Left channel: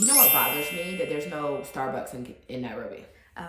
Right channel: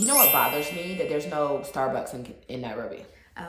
You know what bothers me? That there's no Starbucks in Nairobi.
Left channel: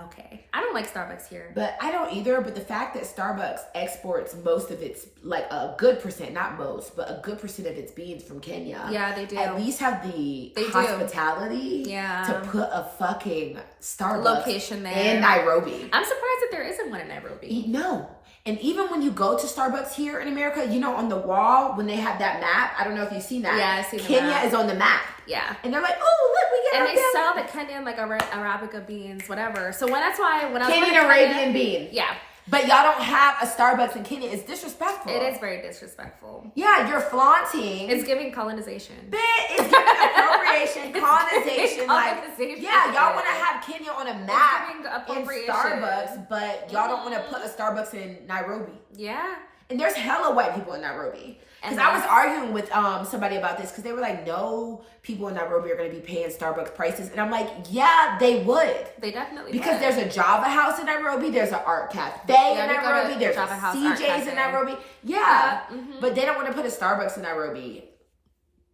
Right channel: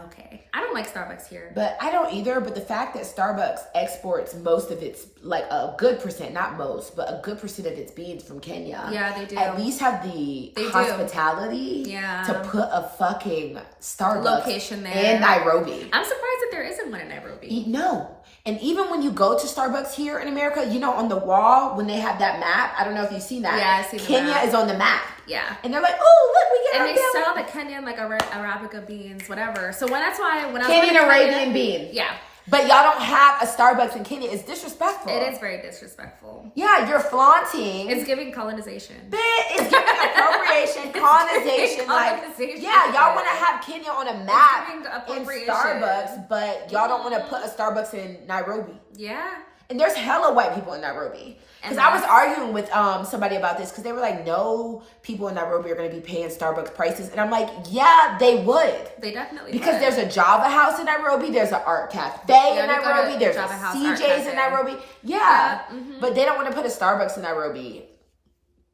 Okay. I don't like Starbucks here. But I don't either. But the fact that Starbucks exports most of its, like a good percent, not most, but a good percent of its beans from Kenya. Yeah, they do. At least have the hospitality to put a fucking Starbucks location there in Nairobi. I'm surprised that there isn't one in Nairobi. No. And even when you go to Starbucks here in America, you know, on the wall, when they have that map, I don't know if you've seen that. Yeah, I've seen Kenya is on the map. Yeah. And they're like, oh, look, we get and they sell the Kenyan, like, Arabica beans, whatever. So that's why when I was Kenyan Arabian bean. Yeah. But y'all don't have a Starbucks in Kenya. It's disrespectful. It is very disrespectful. Yeah, you're flaunting. It's giving colonization. It's giving appropriation, colonization. Yeah, y'all want to have Kenya on a map in Starbucks, but y'all don't want to put a Starbucks in Nairobi. Yeah. And there's hella white people in Nairobi. Because I was arguing with somebody about this because they were like, no people in Nairobi are going to be paying Starbucks prices. And I'm like, yeah, they would. They definitely Because would. there's a Java House in Nairobi. There's an art cafe in Nairobi. There's a CJ's in Nairobi. Yeah. But they don't want to put a Starbucks in Nairobi.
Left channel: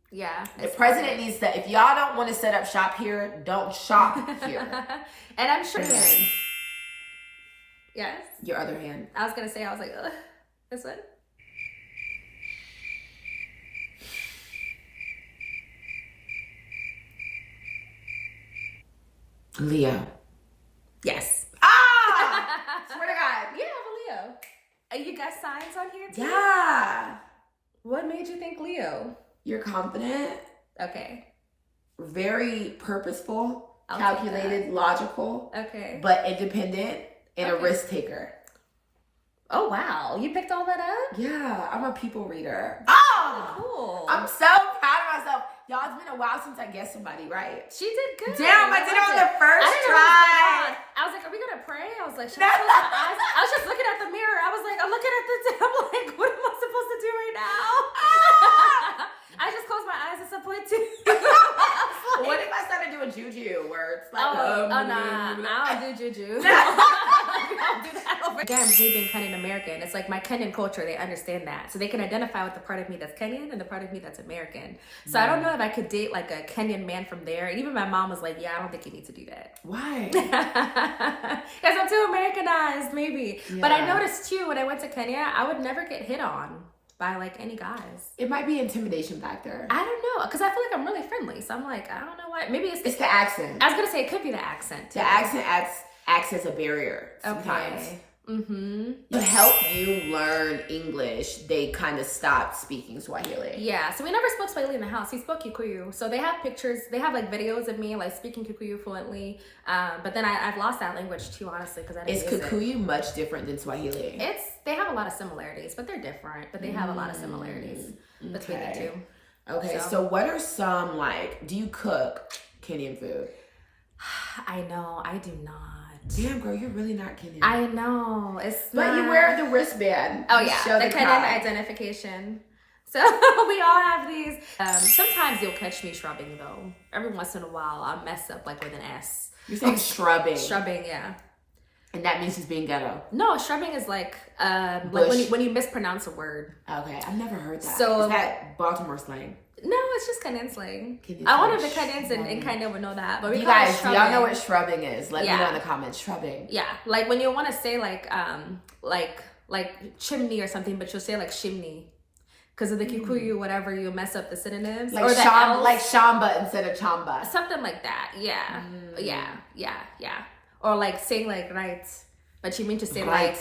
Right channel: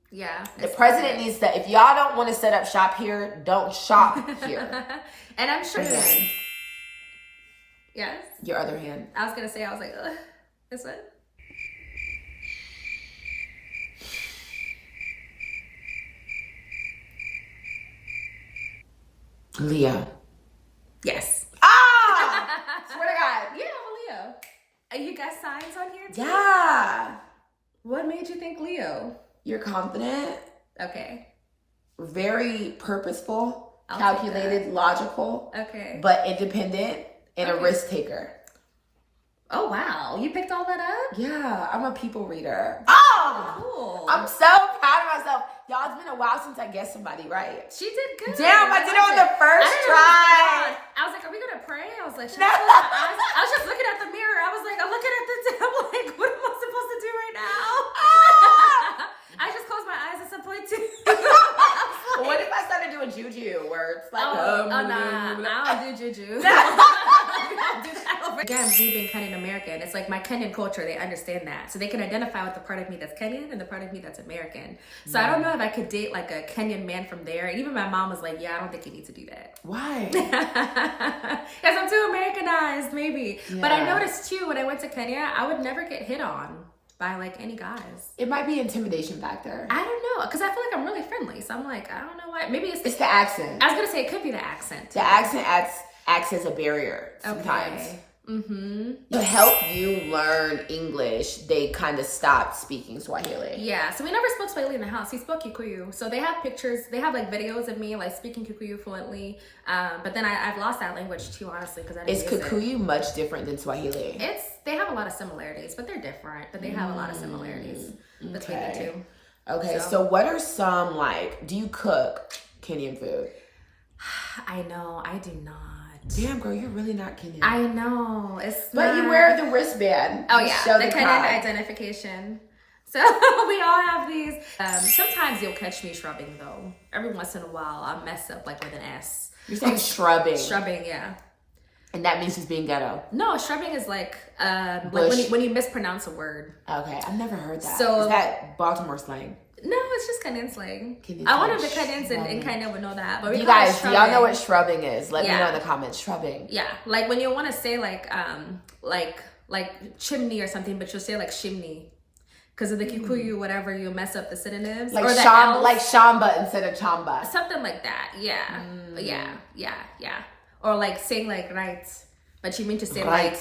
Yeah. The president needs to, if y'all don't want to set up shop here, don't shop here. And I'm sure. Yes. Your other hand. I was going to say, I was like, ugh. This one? Leo. Yes. Ah! Swear to God. Yeah, I'm a Leo. You got signs on here too? Yeah. What made you think Leo? You're confident. Okay. Very purposeful, calculated, logical. Okay. But independent and a risk taker. Oh, wow. You picked all that up? Yeah, I'm a people reader. Oh! Cool. I'm so proud of myself. Y'all, it's been a while since I guessed somebody right. She did good. Damn, I did it on the first try. I was like, are we going to pray? I was like, should I close my eyes? I was just looking at the mirror. I was like, I'm looking at the table. Like, what am I supposed to do right now? I just closed my eyes at some point, too. What if I started doing juju where it's like, nah, I don't do juju. Again, me being Kenyan American, it's like my Kenyan culture, they understand that. So they can identify with the part of me that's Kenyan and the part of me that's American. So I don't know if I could date like a Kenyan man from there. And even my mom was like, yeah, I don't think you need to do that. Why? Because I'm too Americanized, maybe. Yeah. But I noticed too, when I went to Kenya, I would never get hit on by like any guys. It might be intimidation factor. I don't know, because I feel like I'm really friendly. So I'm like, I don't know why. Maybe it's the accent. I was gonna say it could be the accent. The accent acts as a barrier sometimes. Okay. To help you learn English, they kind of stopped speaking Swahili. Yeah, so we never spoke Swahili in the house. He spoke Kikuyu. So they have pictures, they have like videos of me like speaking Kikuyu fluently. But then I've lost that language too, honestly, because I didn't use Kikuyu much different than Swahili? They have a lot of similarities, but they're different. But they have a lot of similarities between the two. Okay, so what are some, like, do you cook Kenyan food? I know, I do not. Damn, girl, you're really not Kenyan. I know. But you wear the wristband. Oh, yeah, the Kenyan identification. So we all have these. Sometimes you'll catch me shrubbing, though. Every once in a while, I'll mess up, like, with an S. You're saying shrubbing. Shrubbing, yeah. And that means he's being ghetto. No, shrubbing is like when you mispronounce a word. Okay, I've never heard that. So, is that Baltimore slang? No, it's just Kenyan slang. I wonder if the Kenyans in Kenya would know that. But you guys, y'all know what shrubbing is. Let me know in the comments. Shrubbing. Yeah, like when you want to say like chimney or something, but you'll say like shimney. Because of the Kikuyu, whatever, you mess up the synonyms. Like, or the like shamba instead of chamba. Something like that, yeah. Yeah. Or like saying like right, but you mean to say light.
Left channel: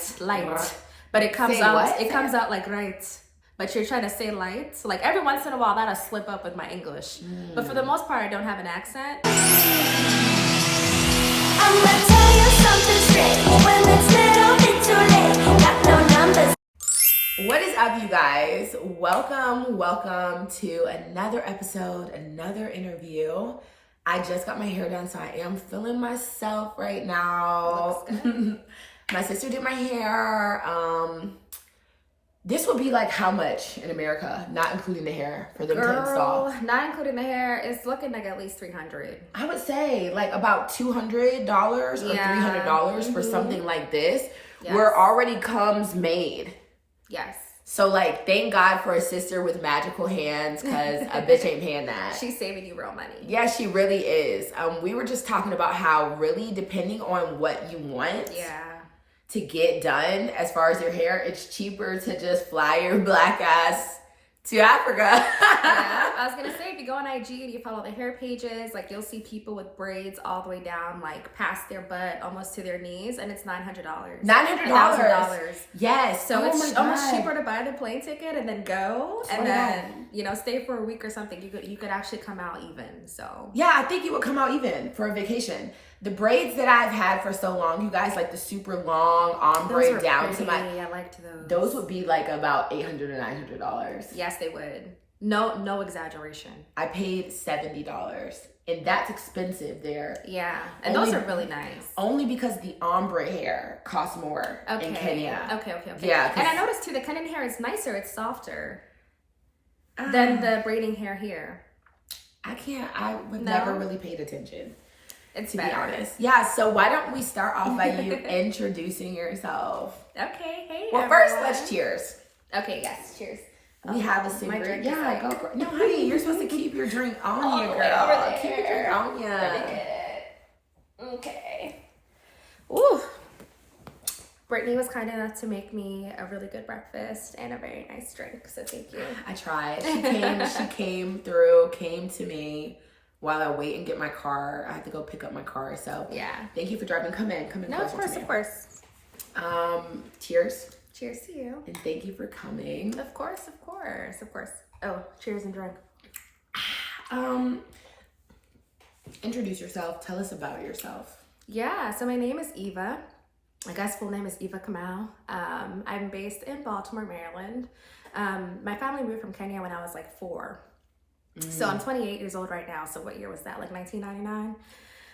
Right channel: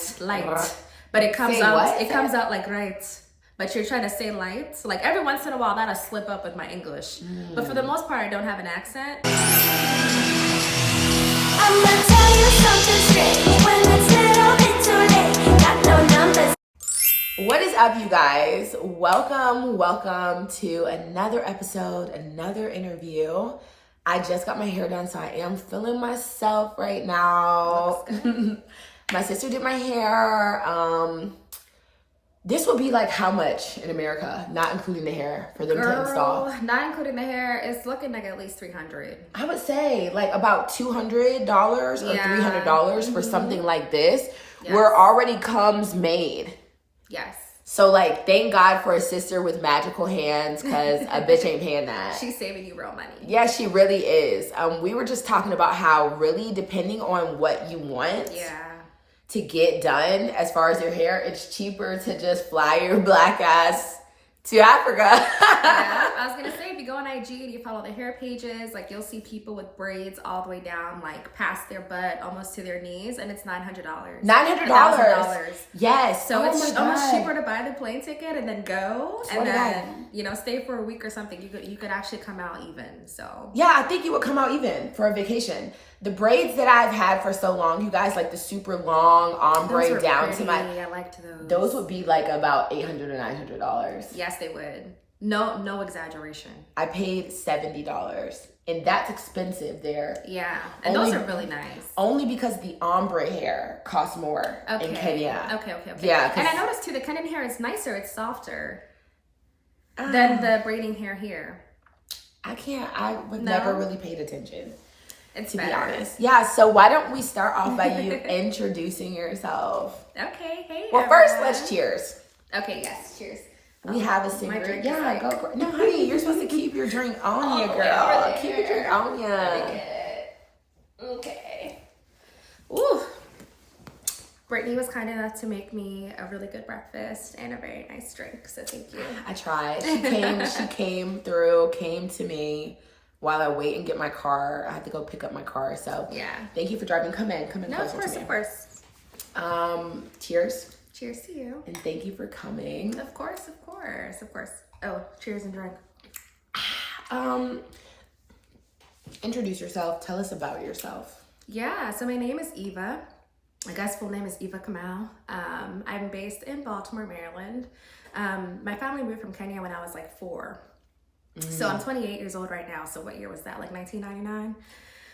But it comes out like right. But you're trying to say light. So like every once in a while, that'll slip up with my English. But for the most part, I don't have an accent. I'm gonna tell you something strange when it's little bit too late. Got no numbers. What is up, you guys? Welcome to another episode, another interview. I just got my hair done, so I am feeling myself right now. My sister did my hair. This would be like how much in America, not including the hair, for them to install? Not including the hair, it's looking like at least $300. I would say like about $200 or $300 for something like this, where it already comes made. Yes. So, like, thank God for a sister with magical hands, because a bitch ain't paying that. She's saving you real money. Yeah, she really is. We were just talking about how really, depending on what you want to get done as far as your hair, it's cheaper to just fly your black ass to Africa. Yeah, I was gonna say, if you go on IG and you follow the hair pages, like you'll see people with braids all the way down, like past their butt, almost to their knees, and it's $900. $900. Yes. So it's almost cheaper to buy the plane ticket and then go, and then stay for a week or something. You could actually come out even. So yeah, I think you would come out even for a vacation. The braids that I've had for so long, you guys, like the super long ombre down to my. I liked those. Those would be like about $800 or $900. Yes, they would. No exaggeration. I paid $70, and that's expensive there. Yeah, and those are really nice. Only because the ombre hair costs more in Kenya. Okay. Yeah, and I noticed too, the Kenyan hair is nicer. It's softer than the braiding hair here. I never really paid attention. It's to better. be honest. Yeah, so why don't we start off by you introducing yourself? Okay, hey. Well, first, let's cheers. Okay, yes, cheers. We have a single. My drink yeah, is go for it. No, honey, you're supposed to keep your drink on you, girl. Keep your drink on you. Okay. Ooh. Brittany was kind enough to make me a really good breakfast and a very nice drink, so thank you. I tried. She came to me. While I wait and get my car, I have to go pick up my car. So yeah, thank you for driving. Come in. No, of course. Cheers. Cheers to you. And thank you for coming. Of course. Oh, cheers and drink. Introduce yourself. Tell us about yourself. Yeah. So my name is Eva. My guy's full name is Eva Kamau. I'm based in Baltimore, Maryland. My family moved from Kenya when I was like 4. So I'm 28 years old right now. So what year was that? Like 1999?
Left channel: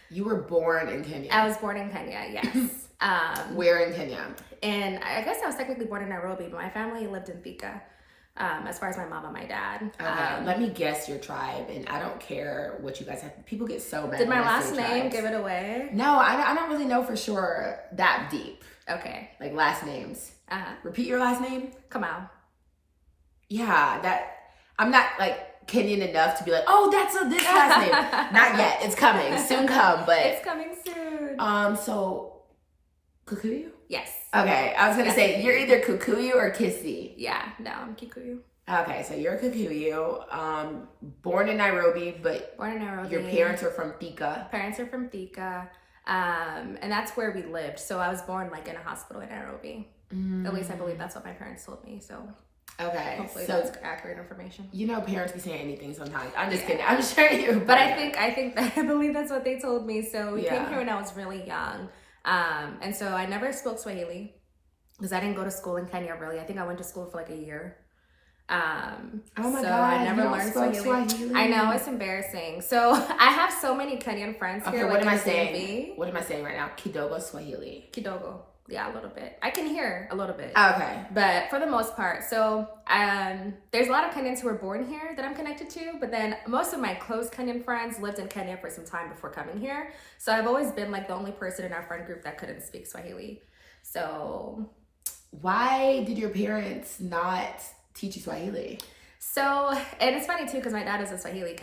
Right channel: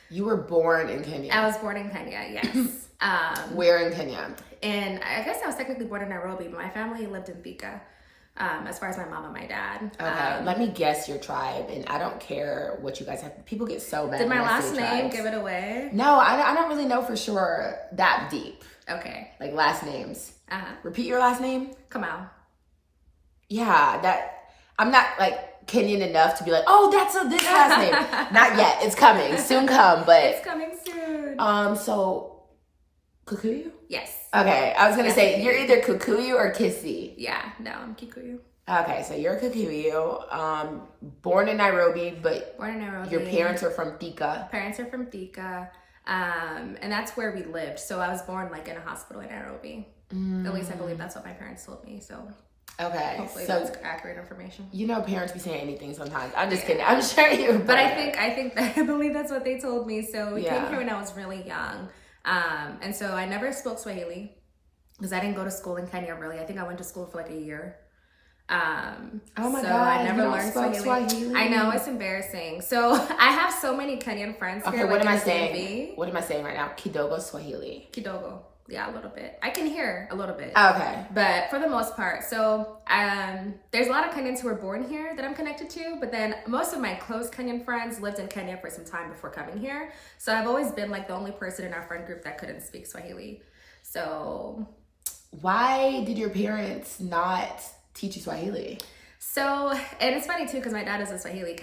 You were born in Kenya. I was born in Kenya, yes. Where in Kenya? And I guess I was technically born in Nairobi, but my family lived in Thika, as far as my mom and my dad. Okay, let me guess your tribe, and I don't care what you guys have. People get so mad. Did my last name give it away? No, I don't really know for sure that deep. Okay. Like last names. Repeat your last name. Kamau. Yeah, I'm not like Kenyan enough to be like, oh, that's this last name. Not yet. It's coming. Soon come, but it's coming soon. So Kikuyu? Yes. Okay. I was gonna say you're either Kikuyu or Kisi. Yeah, no, I'm Kikuyu. Okay, so you're Kikuyu. Born in Nairobi, but your parents are from Thika. Parents are from Thika. And that's where we lived. So I was born like in a hospital in Nairobi. At least I believe that's what my parents told me. So okay, hopefully that's accurate information. You know, parents be saying anything sometimes. I'm just kidding. I'm sure you. But I believe that's what they told me. So we came here when I was really young, and so I never spoke Swahili because I didn't go to school in Kenya. Really, I think I went to school for like a year. Oh my God! I never learned Swahili. I know, it's embarrassing. So I have so many Kenyan friends here. Okay, what am I saying? What am I saying right now? Kidogo Swahili. Kidogo. Yeah, a little bit. I can hear a little bit. Okay. But for the most part, so there's a lot of Kenyans who were born here that I'm connected to, but then most of my close Kenyan friends lived in Kenya for some time before coming here. So I've always been like the only person in our friend group that couldn't speak Swahili. So why did your parents not teach you Swahili? So, and it's funny too, because my dad is a Swahili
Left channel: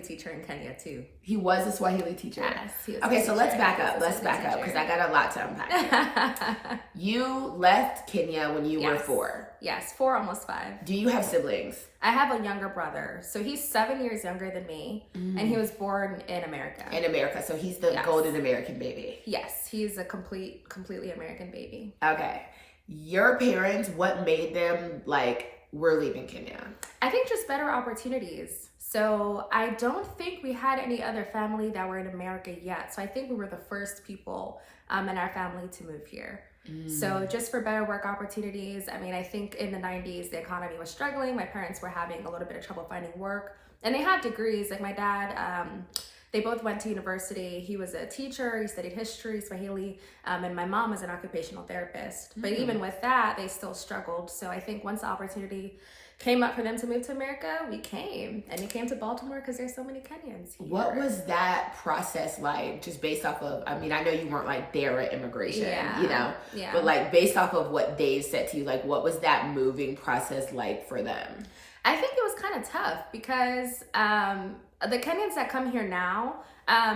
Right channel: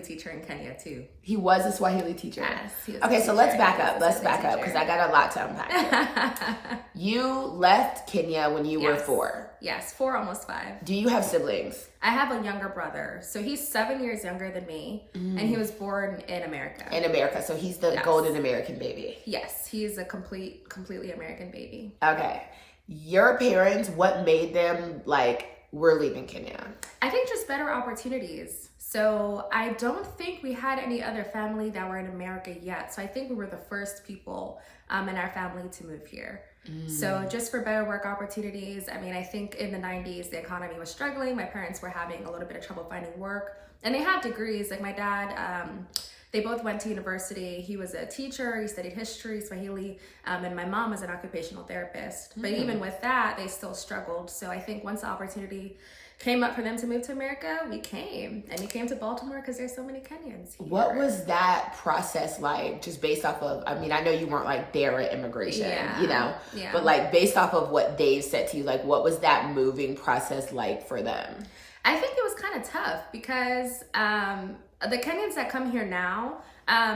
teacher in Kenya too. He was a Swahili teacher? Yes. He was okay, so let's back up. Let's back up, because I got a lot to unpack. You left Kenya when you were 4. Yes, 4, almost 5. Do you have siblings? I have a younger brother. So he's 7 years younger than me, and he was born in America. In America, so he's the golden American baby. Yes, he's a completely American baby. Okay. Your parents, what made them like, we're leaving Kenya? I think just better opportunities. So I don't think we had any other family that were in America yet. So I think we were the first people in our family to move here. So just for better work opportunities. I mean, I think in the 90s, the economy was struggling. My parents were having a little bit of trouble finding work. And they have degrees. Like my dad, they both went to university. He was a teacher. He studied history, Swahili, and my mom was an occupational therapist. But even with that, they still struggled. So I think once the opportunity came up for them to move to America, we came. And we came to Baltimore because there's so many Kenyans here. What was that process like, just based off of, I mean, I know you weren't like there at immigration, you know, but like based off of what they've said to you, like what was that moving process like for them? I think it was kind of tough because the Kenyans that come here now,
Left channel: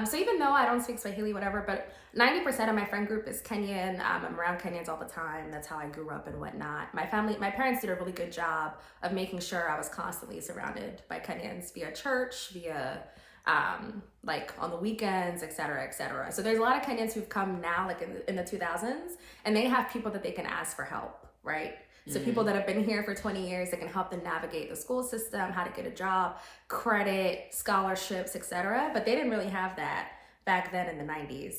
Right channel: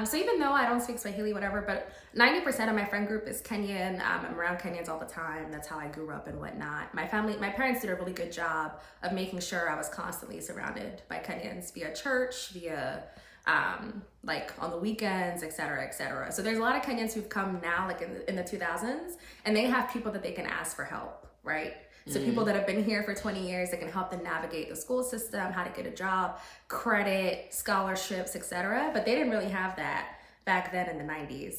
so even though I don't speak Swahili, whatever, but 90% of my friend group is Kenyan. I'm around Kenyans all the time. That's how I grew up and whatnot. My parents did a really good job of making sure I was constantly surrounded by Kenyans via church, via like on the weekends, et cetera, et cetera. So there's a lot of Kenyans who've come now, like in the 2000s, and they have people that they can ask for help, right? So people that have been here for 20 years, that can help them navigate the school system, how to get a job, credit, scholarships, etc. But they didn't really have that back then in the 90s.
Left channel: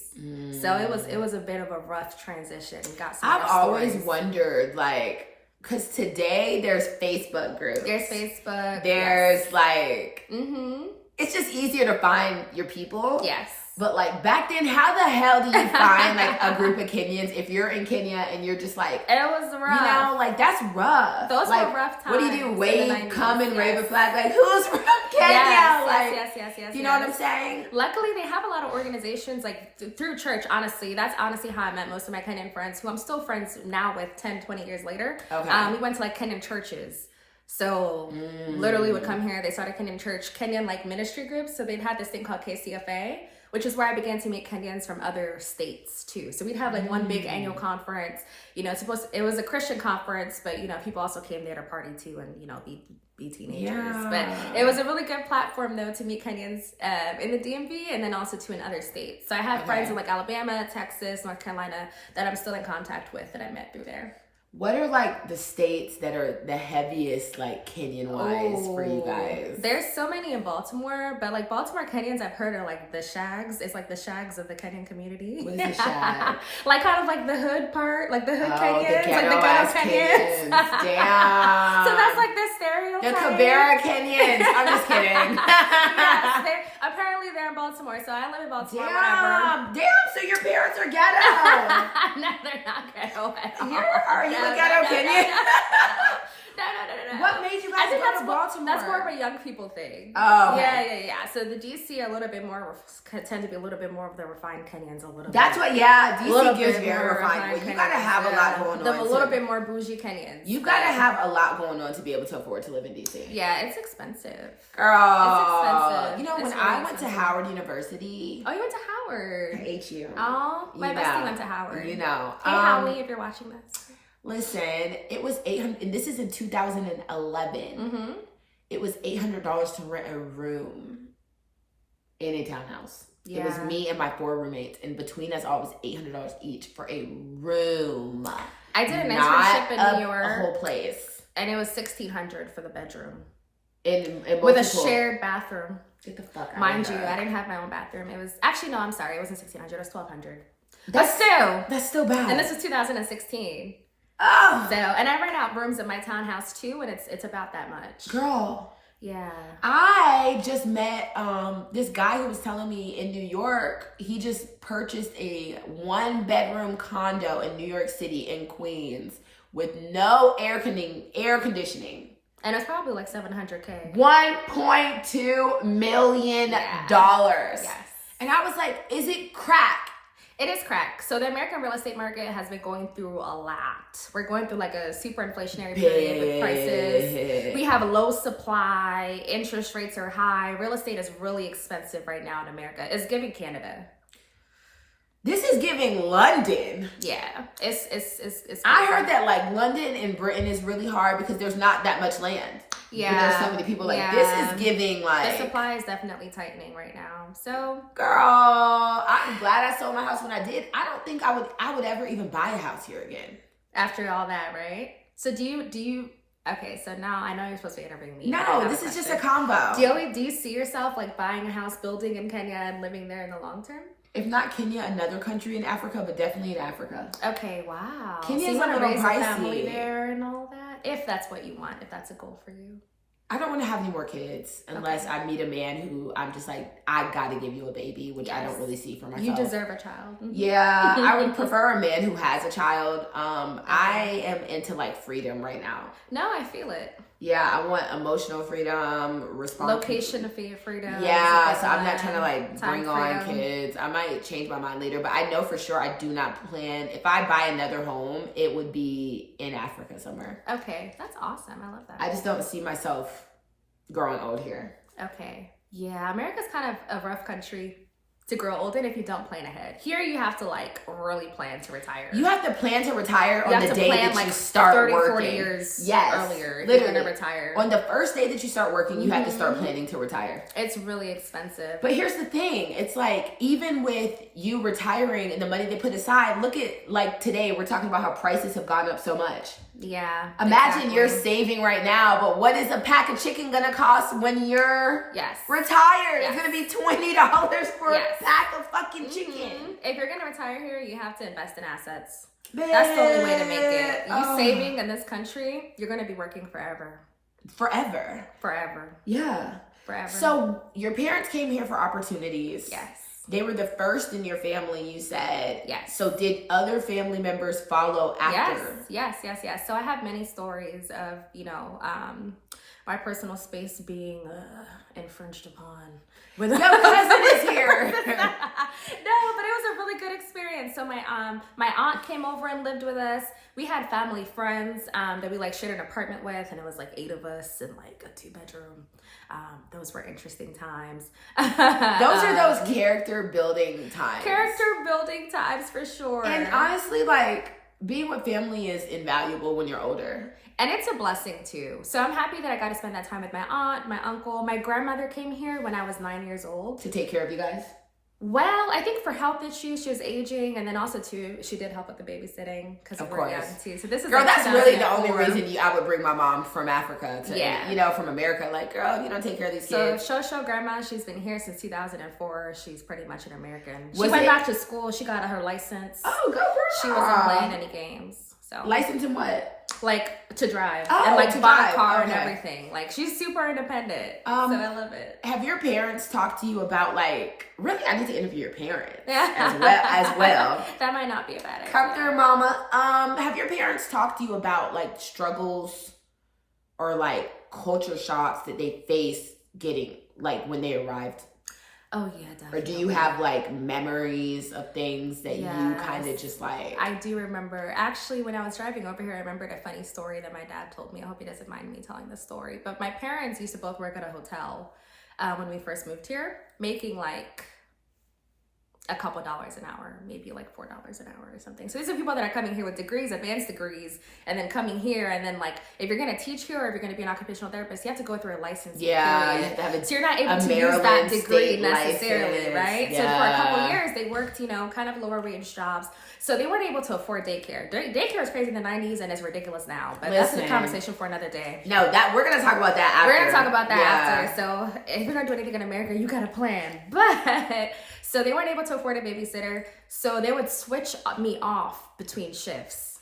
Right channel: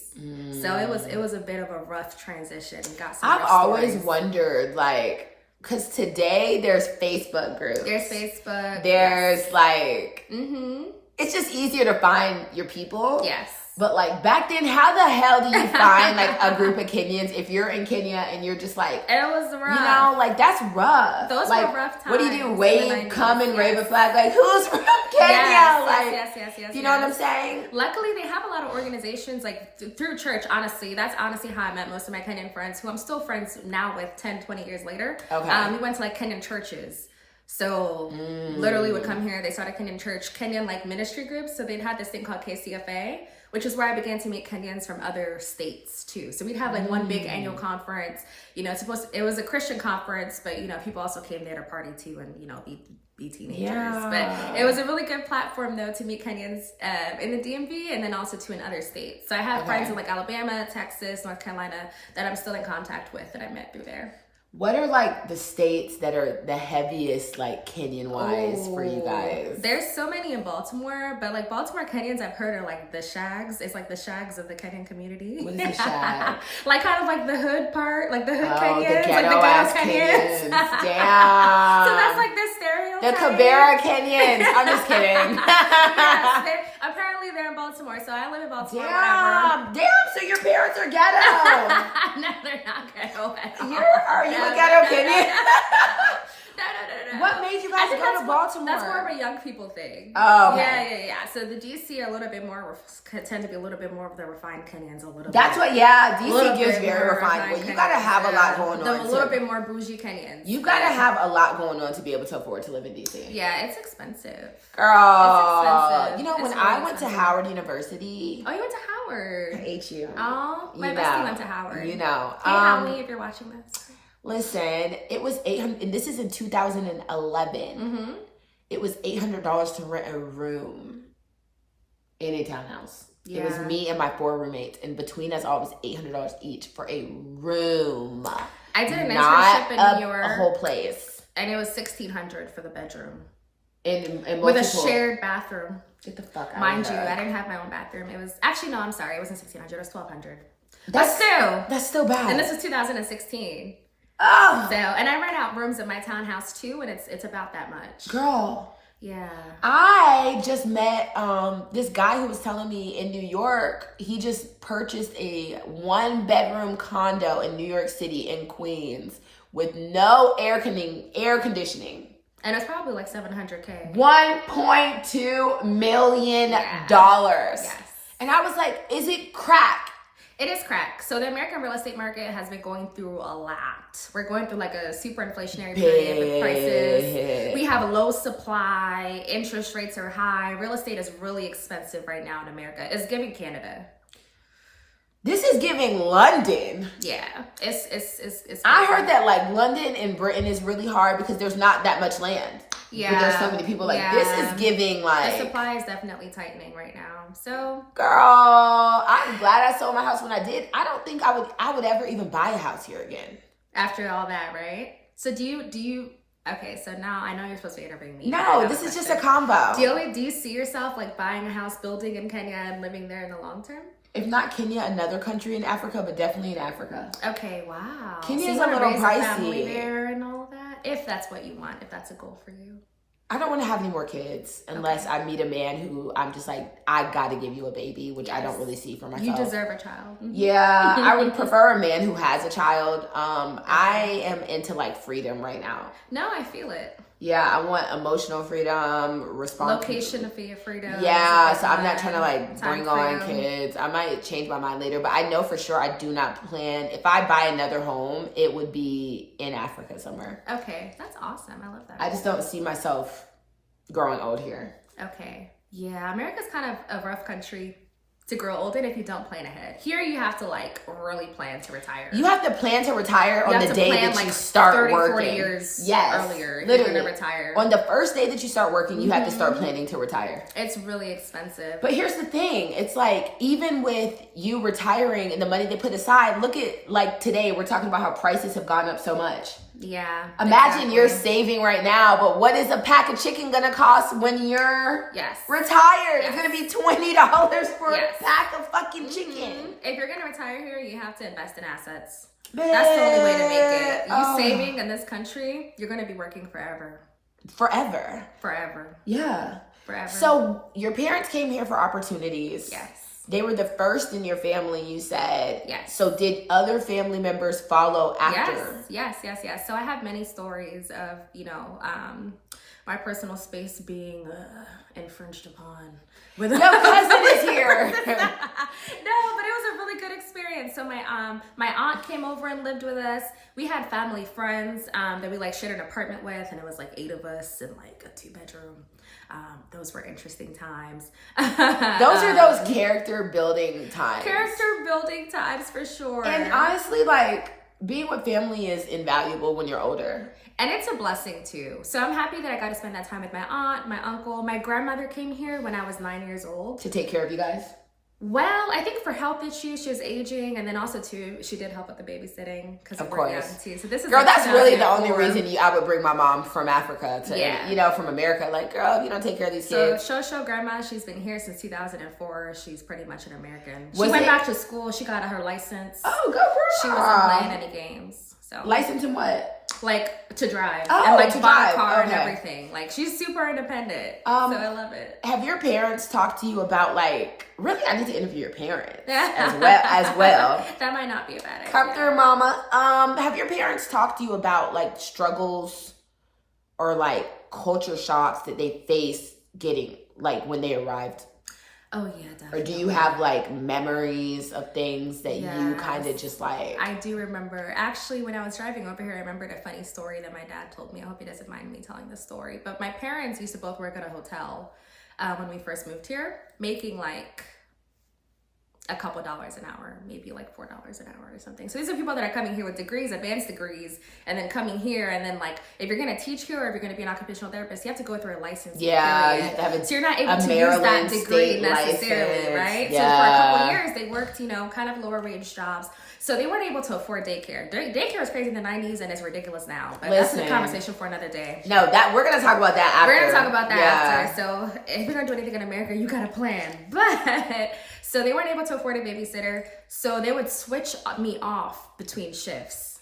So it was a bit of a rough transition. I've always wondered, like, because today there's Facebook groups. There's Facebook. There's like, it's just easier to find your people. Yes. But like back then, how the hell do you find like a group of Kenyans if you're in Kenya and you're just like, it was rough. You know, like that's rough. Those like, were rough times. What do you do? Wave, come and wave a flag? Like who's from Kenya? Yes. You know what I'm saying? Luckily, they have a lot of organizations like through church. Honestly, that's honestly how I met most of my Kenyan friends, who I'm still friends now with 10, 20 years later. Okay. We went to like Kenyan churches. So literally would come here. They started Kenyan church, Kenyan like ministry groups. So they'd had this thing called KCFA, which is where I began to meet Kenyans from other states too. So we'd have like one big annual conference. You know, it was a Christian conference, but you know, people also came there to party too and you know be teenagers. Yeah. But it was a really good platform though to meet Kenyans in the DMV and then also to in other states. So I have friends in like Alabama, Texas, North Carolina that I'm still in contact with that I met through there. What are like the states that are the heaviest like Kenyan wise for you guys? There's so many in Baltimore, but like Baltimore Kenyans I've heard are like the shags. It's like the shags of the Kenyan community. What is the shag? Like kind of like the hood part, like the hood Kenyans, like the ghetto Kenyans. Damn. So that's like the stereotype. The Kibera Kenyans. I'm just kidding. Yes, apparently they're in Baltimore, so I live in Baltimore. Damn, so your parents are ghetto. No, they're not ghetto at all. Are you a ghetto Kenyan? No. What made you guys go to Baltimore? That's more of a young people thing. Oh, okay. Yeah. So the DC are a little bit more, tend to be a little bit more of the refined Kenyans, a little That's bit. DC gives very refined. Well, you gotta have a lot going on. A little bit more bougie Kenyans. You gotta have a lot going on to be able to afford to live in DC. Yeah, it's expensive. Girl. It's expensive. You know, when I went to Howard University. Oh, you went to Howard. I hate you. Oh, my bestie went to Howard. You know. Hey, Howie, if you're watching this. Listen, it was $800, and this is in 2011. It was $800 to rent a room in a townhouse. Yeah. It was me and my 4 roommates, and between us all it was $800 each for a room. I did an internship in New York, a whole place, and it was $1,600 for the bedroom, in with a shared bathroom. Get the fuck out! Mind you, I didn't have my own bathroom. It was actually no, I'm sorry, it wasn't $1,600. It was $1,200. That's still bad. And this is 2016. Oh. So, and I rent out rooms in my townhouse too, and it's about that much. Girl. Yeah. I just met this guy who was telling me in New York, he just purchased a 1-bedroom condo in New York City in Queens with no air conditioning. And it's probably like $700K. $1.2 million. Yes. And I was like, is it crack? It is crack. So the American real estate market has been going through a lot. We're going through like a super inflationary period with prices. We have a low supply. Interest rates are high. Real estate is really expensive right now in America. It's giving Canada. This is giving London. Yeah, it's. I heard that like London and Britain is really hard because there's not that much land. Yeah, there's so many people. Like this is giving like the supply is definitely tightening right now. So, girl, I'm glad I sold my house when I did. I don't think I would ever even buy a house here again after all that, right? So do you? Okay, so now I know you're supposed to interview me. No, this is just a combo. Do you see yourself like buying a house, building in Kenya, and living there in the long term? If not Kenya, another country in Africa, but definitely in Africa. Okay, wow. Kenya's so a little pricey. Family there and all that, if that's what you want, if that's a goal for you. I don't want to have any more kids unless I meet a man who I'm just like, I got to give you a baby, which I don't really see for myself. You deserve a child. Yeah, I would prefer a man who has a child. I am into like freedom right now. No, I feel it. Yeah, I want emotional freedom, location of freedom. Yeah, so I'm not trying to like time bring on freedom. kids. I might change my mind later, but I know for sure I do not plan. If I buy another home, it would be in Africa somewhere. Okay, that's awesome. I love that. I just don't see myself growing old here. Okay. Yeah, America's kind of a rough country to grow old in if you don't plan ahead. Here you have to like really plan to retire. You have to plan to retire on the day that like you start 30, working. 40 years earlier. Literally. You're gonna retire. On the first day that you start working, you have to start planning to retire. It's really expensive. But here's the thing. It's like, even with you retiring and the money they put aside, look at like today, we're talking about how prices have gone up so much. Yeah. Imagine you're saving right now, but what is a pack of chicken gonna cost when you're retired? It's gonna be $20 for a pack of fucking chicken. If you're gonna retire here, you have to invest in assets. That's the only way to make it. You saving in this country, you're gonna be working forever. Forever. Yeah. Forever. So your parents came here for opportunities. Yes. They were the first in your family, you said. Yes. So did other family members follow after? Yes. So I have many stories of, my personal space being infringed upon. No cousin is here. No, but it was a really good experience. So my aunt came over and lived with us. We had family friends that we like shared an apartment with, and it was like 8 of us in like a 2-bedroom. Those were interesting times. Those are those character building times. For sure. And honestly, like, being with family is invaluable when you're older. And it's a blessing too. So I'm happy that I got to spend that time with my aunt, my uncle. My grandmother came here when I was 9 years old. To take care of you guys? Well, I think for health issues, she was aging, and then also too, she did help with the babysitting because we were young too. So this is girl, that's really the only reason I would bring my mom from Africa to, from America. Like, girl, you don't take care of these kids. So Shosho grandma, she's been here since 2004. She's pretty much an American. She went back to school. She got her license. Oh, go girl. She wasn't playing any games. So license in what? Like to drive and like to buy a car and everything. Like she's super independent. So I love it. Have your parents talked to you about like, really? I need to interview your parents as well. That might not be a bad idea. Come through, mama. Have your parents talked to you about like struggles or like culture shocks that they faced getting like when they arrived? Oh yeah, definitely. Or do you have like memories of things that you kind of just like? I do remember. Actually, when I was driving over here, I remembered a funny story that my dad told me. I hope he doesn't mind me telling this story. But my parents used to both work at a hotel when we first moved here, making like a couple dollars an hour, maybe like $4 an hour or something. So these are people that are coming here with degrees, advanced degrees, and then coming here, and then like if you're gonna teach here or if you're gonna be an occupational therapist, you have to go through a license. Yeah, you have to have so you're not able to use that degree necessarily, license. right? Yeah. So for a couple years, they worked, kind of lower wage jobs. So they weren't able to afford daycare. Daycare was crazy in the 90s and it's ridiculous now. But that's a conversation for another day. No, we're gonna talk about that after. We're gonna talk about that after. So if you're gonna do anything in America, you gotta plan. But so they weren't able to afford a babysitter. So they would switch me off between shifts.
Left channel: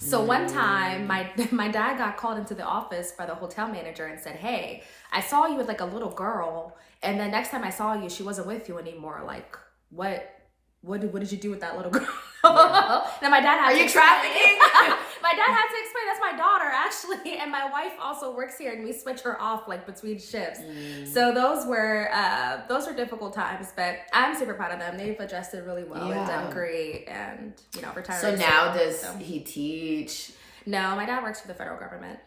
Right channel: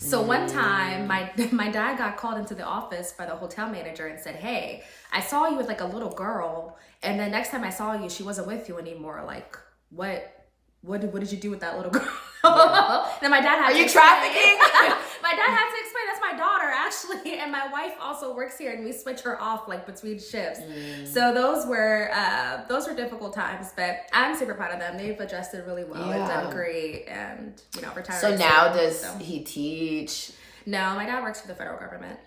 So one time my dad got called into the office by the hotel manager and said, "Hey, I saw you with like a little girl, and then next time I saw you, she wasn't with you anymore. Like, what did you do with that little girl?" Then my dad had to explain. Trafficking? My dad had to explain, that's my daughter actually, and my wife also works here, and we switch her off like between shifts. So those were difficult times, but I'm super proud of them. They've adjusted really well and done great, and retired. So now does he teach? No, my dad works for the federal government.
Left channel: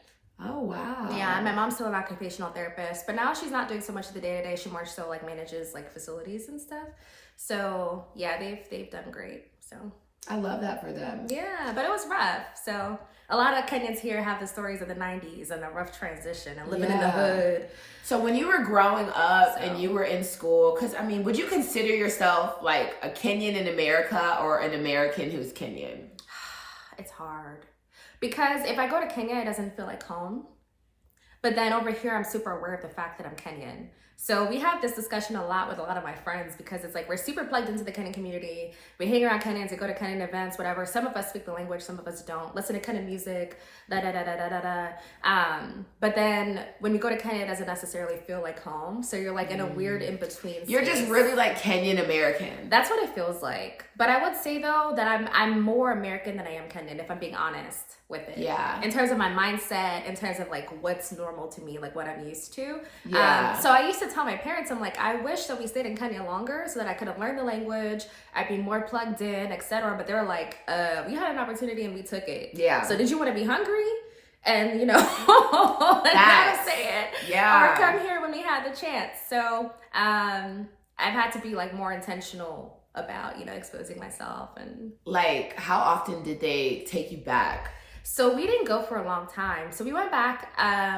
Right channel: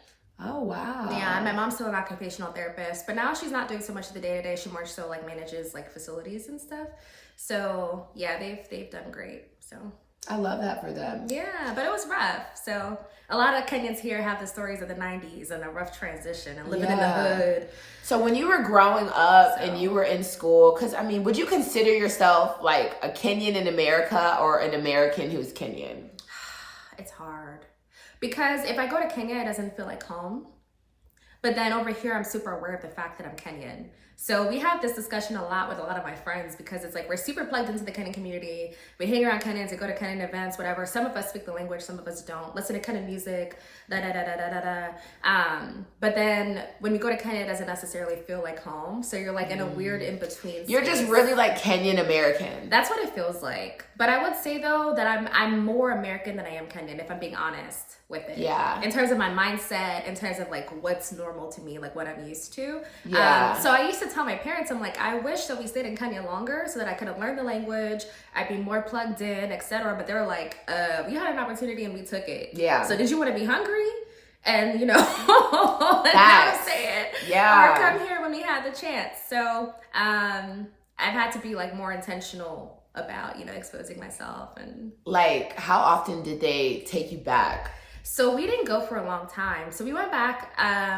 Oh wow. Yeah, and my mom's still an occupational therapist, but now she's not doing so much of the day-to-day. She more so like manages like facilities and stuff. So yeah, they've done great. So I love that for them. Yeah, but it was rough. So a lot of Kenyans here have the stories of the 90s and a rough transition and living in the hood. So when you were growing up and you were in school, because I mean, would you consider yourself like a Kenyan in America or an American who's Kenyan? It's hard. Because if I go to Kenya, it doesn't feel like home. But then over here, I'm super aware of the fact that I'm Kenyan. So we have this discussion a lot with a lot of my friends because it's like we're super plugged into the Kenyan community. We hang around Kenyans, we go to Kenyan events, whatever. Some of us speak the language, some of us don't. Listen to Kenyan music, But then when we go to Kenya, it doesn't necessarily feel like home. So you're like in a weird in-between You're just really like Kenyan American. That's what it feels like. But I would say though that I'm more American than I am Kenyan, if I'm being honest. with it. Yeah. In terms of my mindset, in terms of like what's normal to me, like what I'm used to. Yeah. So I used to tell my parents, I'm like, I wish that we stayed in Kenya longer so that I could have learned the language, I'd be more plugged in, etc. But they were like, we had an opportunity and we took it. Yeah. So did you want to be hungry? And that's how to say it. Yeah. Or come here when we had the chance. So I've had to be like more intentional about, exposing myself. And like, how often did they take you back? So we didn't go for a long time. So we went back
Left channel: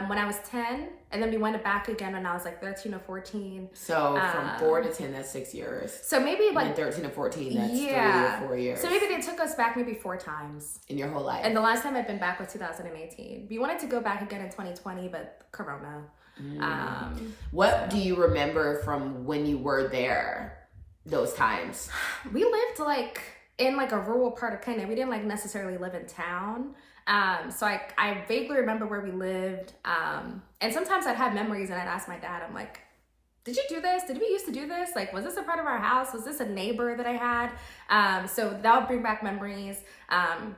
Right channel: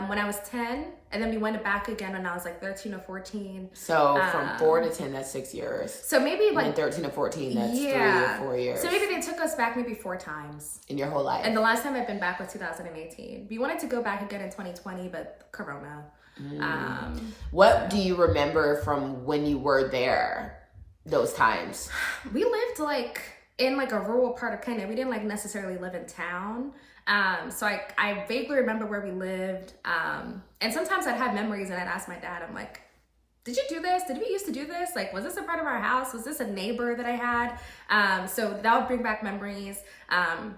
when I was 10, and then we went back again when I was like 13 or 14. So from 4 to 10, that's 6 years. So maybe like and 13 to 14, that's 3 or 4 years. So maybe they took us back maybe 4 times. In your whole life. And the last time I've been back was 2018. We wanted to go back again in 2020, but Corona. What do you remember from when you were there, those times? We lived like in like a rural part of Kenya. We didn't like necessarily live in town. So I vaguely remember where we lived. And sometimes I'd have memories and I'd ask my dad, I'm like, did you do this? Did we used to do this? Like, was this in front of our house? Was this a neighbor that I had? So that would bring back memories.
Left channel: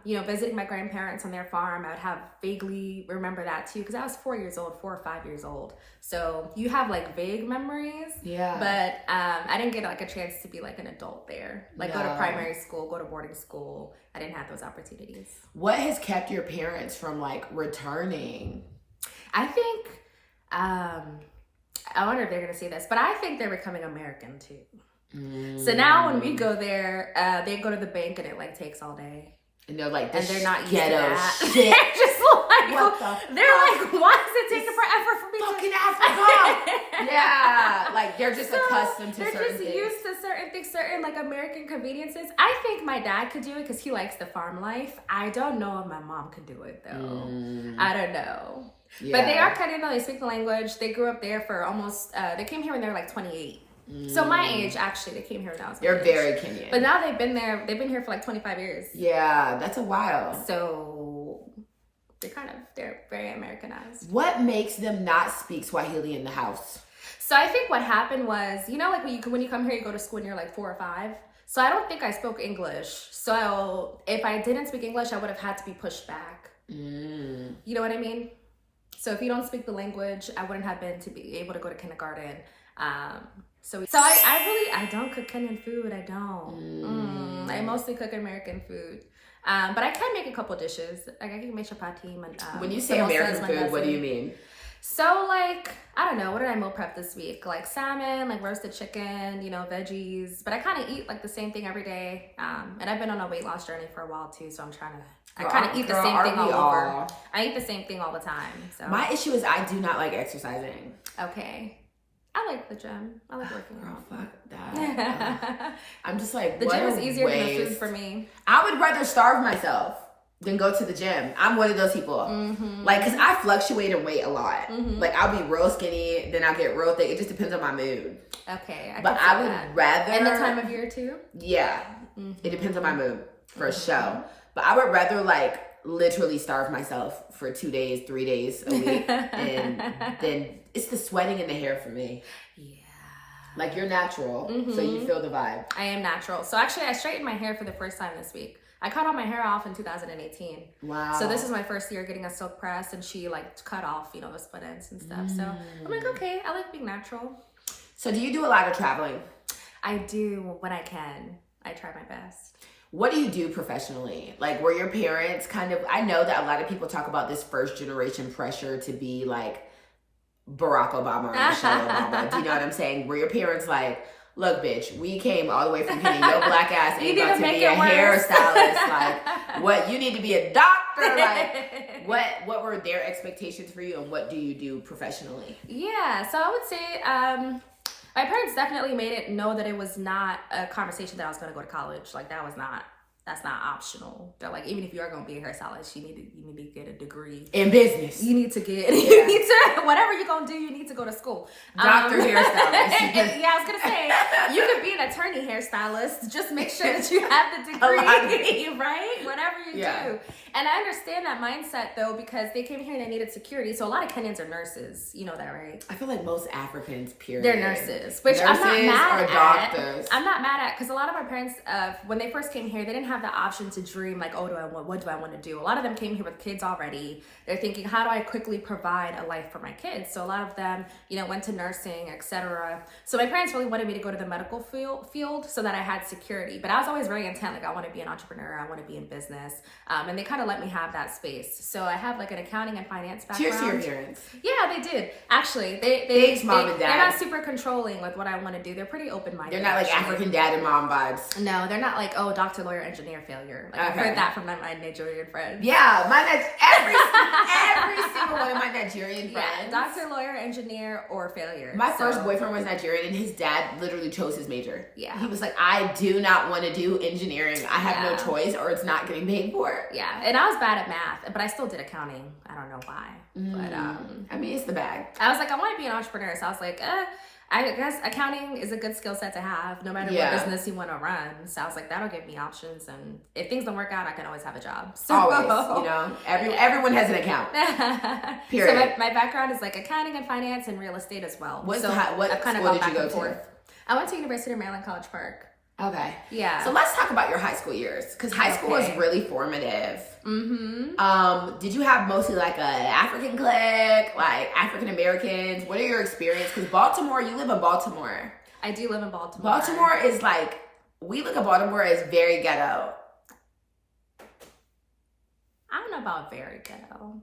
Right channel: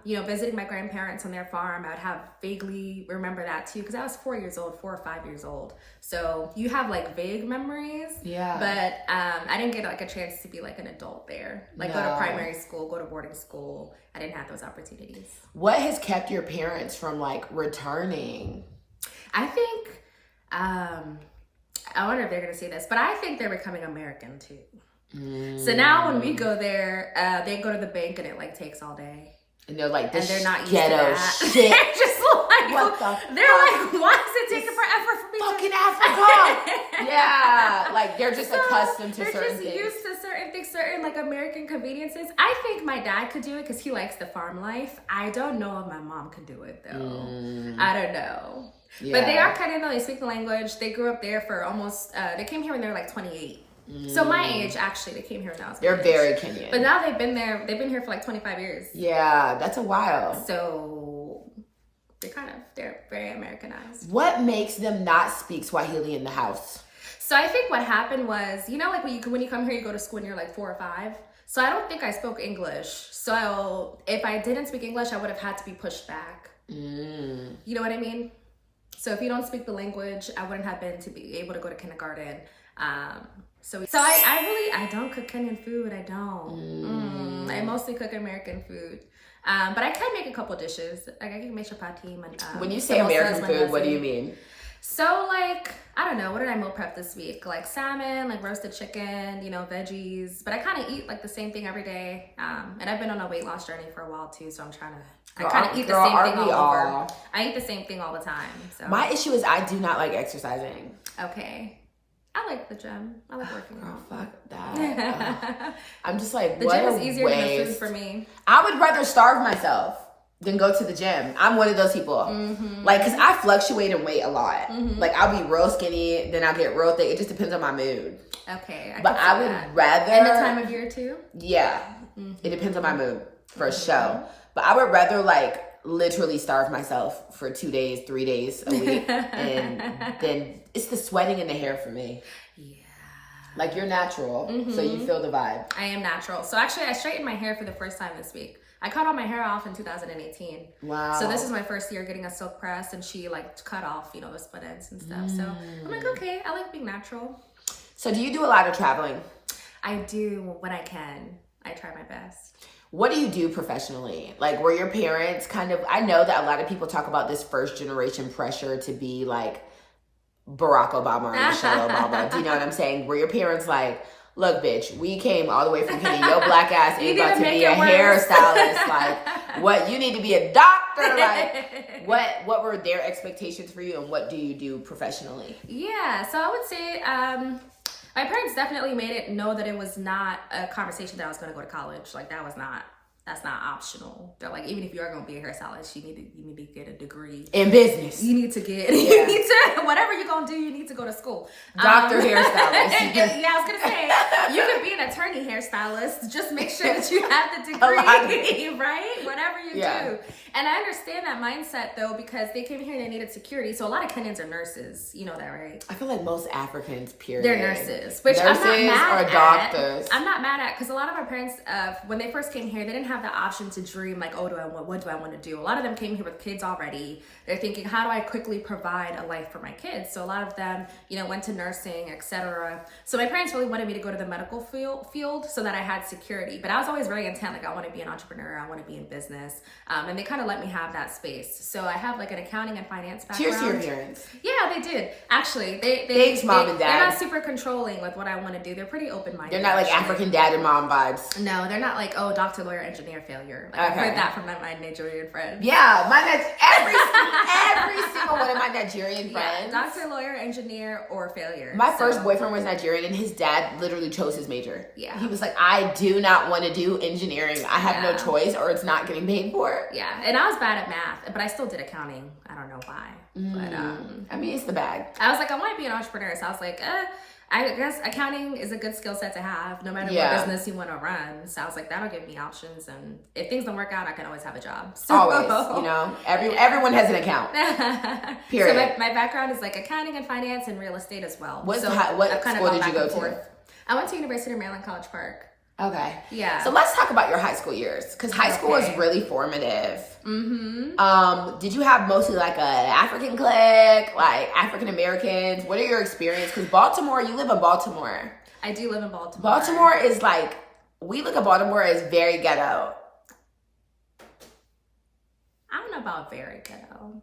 Visiting my grandparents on their farm, I would have vaguely remember that too, because I was 4 or 5 years old. So you have like vague memories. Yeah. But I didn't get like a chance to be like an adult there. Like go to primary school, go to boarding school. I didn't have those opportunities. What has kept your parents from like returning? I think, I wonder if they're going to say this, but I think they're becoming American too. So now when we go there, they go to the bank and it like takes all day. And they're like, and they're not used to ghetto that. shit. They're just like, what the they're like, why does it take forever for me fucking to... Africa? Yeah, like they're just accustomed to certain things. They're just used to certain things, certain like American conveniences. I think my dad could do it because he likes the farm life. I don't know if my mom could do it though. I don't know. Yeah. But they are Kenyan though. They speak the language. They grew up there for almost, they came here when they were like 28. So my age, actually, they came here when I was They're very Kenyan. But now they've been here for like 25 years. Yeah, that's a while. So they're very Americanized. What makes them not speak Swahili in the house? So I think what happened was, like when you come here, you go to school and you're like 4 or 5. So I don't think I spoke English. So if I didn't speak English, I would have had to be pushed back. You know what I mean? So if you don't speak the language, I wouldn't have been to be able to go to kindergarten. So I don't cook Kenyan food. I don't. I mostly cook American food. But I can make a couple dishes. Like I can make chapati. When you say American food, what do you mean? So like, I don't know, what did I meal prep this week? Like salmon, like roasted chicken, veggies. But I kind of eat like the same thing every day. And I've been on a weight loss journey for a while too. So I'm trying to, I kind of eat the same thing all over. I eat the same thing all the time. So. My issue is I do not like exercising. Okay. I like the gym. I like working out. Fuck that. I'm just like, the what gym is easier waste. than the food for me. I would rather starve myself than go to the gym. I'm one of those people. Like, because I fluctuate in weight a lot. Like, I'll be real skinny, then I'll get real thick. It just depends on my mood. Okay. But I would rather... And the time of year, too? Yeah. It depends on my mood, for sure. But I would rather, like, literally starve myself for 2 days, 3 days a week. And then it's the sweating in the hair for me. Yeah. Like, you're natural, so you feel the vibe. I am natural. So actually, I straightened my hair for the first time this week. I cut all my hair off in 2018. Wow. So this is my first year getting a silk press, and she like cut off, the split ends and stuff. So I'm like, okay, I like being natural. So do you do a lot of traveling? I do when I can. I try my best. What do you do professionally? Like, were your parents kind of, I know that a lot of people talk about this first generation pressure to be like Barack Obama or Michelle Obama. Do you know what I'm saying? Were your parents like, look, bitch, we came all the way from Kenya. Your black ass ain't about to be a hairstylist. Like, what? You need to be a doctor. Like, what were their expectations for you, and what do you do professionally? Yeah, so I would say my parents definitely made it know that it was not a conversation that I was going to go to college. Like, that's not optional. They're like, even if you are going to be a hairstylist, you need to get a degree in business. You need to whatever you're going to do, you need to go to school. Doctor hairstylist. Yeah, I was going to say, you could be an attorney hairstylist. Just make sure that you have the degree, right? Whatever you do. And I understand that mindset though, because they came here and they needed security. So a lot of Kenyans are nurses. You know that, right? I feel like most Africans, period. They're nurses, which I'm not mad or doctors. I'm not mad at, because a lot of our parents, when they first came here, they didn't have the option to dream like, oh, what do I want to do? A lot of them came here with kids already. They're thinking, how do I quickly provide a life for my kids? So a lot of them, you know, went to nursing, etc. So my parents really wanted me to go to the medical field so that I had security. But I was always very intent, like I want to be an entrepreneur, I want to be in business. And they kind of let me have that space. So I have like an accounting and finance background. Cheers to your parents. Yeah, they did. Actually, they Thanks, mom and dad. They're not super controlling with what I want to do. They're pretty open-minded. They're not like African dad and mom vibes. No, they're not like, oh, doctor, lawyer, engineer, failure. Like, I've heard that from my Nigerian friends. Yeah, every single one of my Nigerian friends. Yeah, doctor, lawyer, engineer, or failure. My first boyfriend was Nigerian. His dad literally chose his major. Yeah. He was like, I do not want to do engineering. I have no choice, or it's not getting paid for. Yeah, and I was bad at math, but I still did accounting. I don't know why. But I mean, it's the bag. I was like, I want to be an entrepreneur. So I was like, I guess accounting is a good skill set to have, no matter what business you want to run. So I was like, that'll give me options, and if things don't work out, I can always have a job. So, always, you know, everyone has an account. Period. So my background is like accounting and finance and real estate as well. What I've kind of school gone did back you go and forth. to? I went to University of Maryland, College Park. Okay. Yeah. So let's talk about your high school years, because high school was really formative. Mm-hmm. Did you have mostly like an African clique, like African Americans? What are your experience? Because Baltimore, you live in Baltimore. I do live in Baltimore. Baltimore is like, we look at Baltimore as very ghetto. I don't know about very ghetto.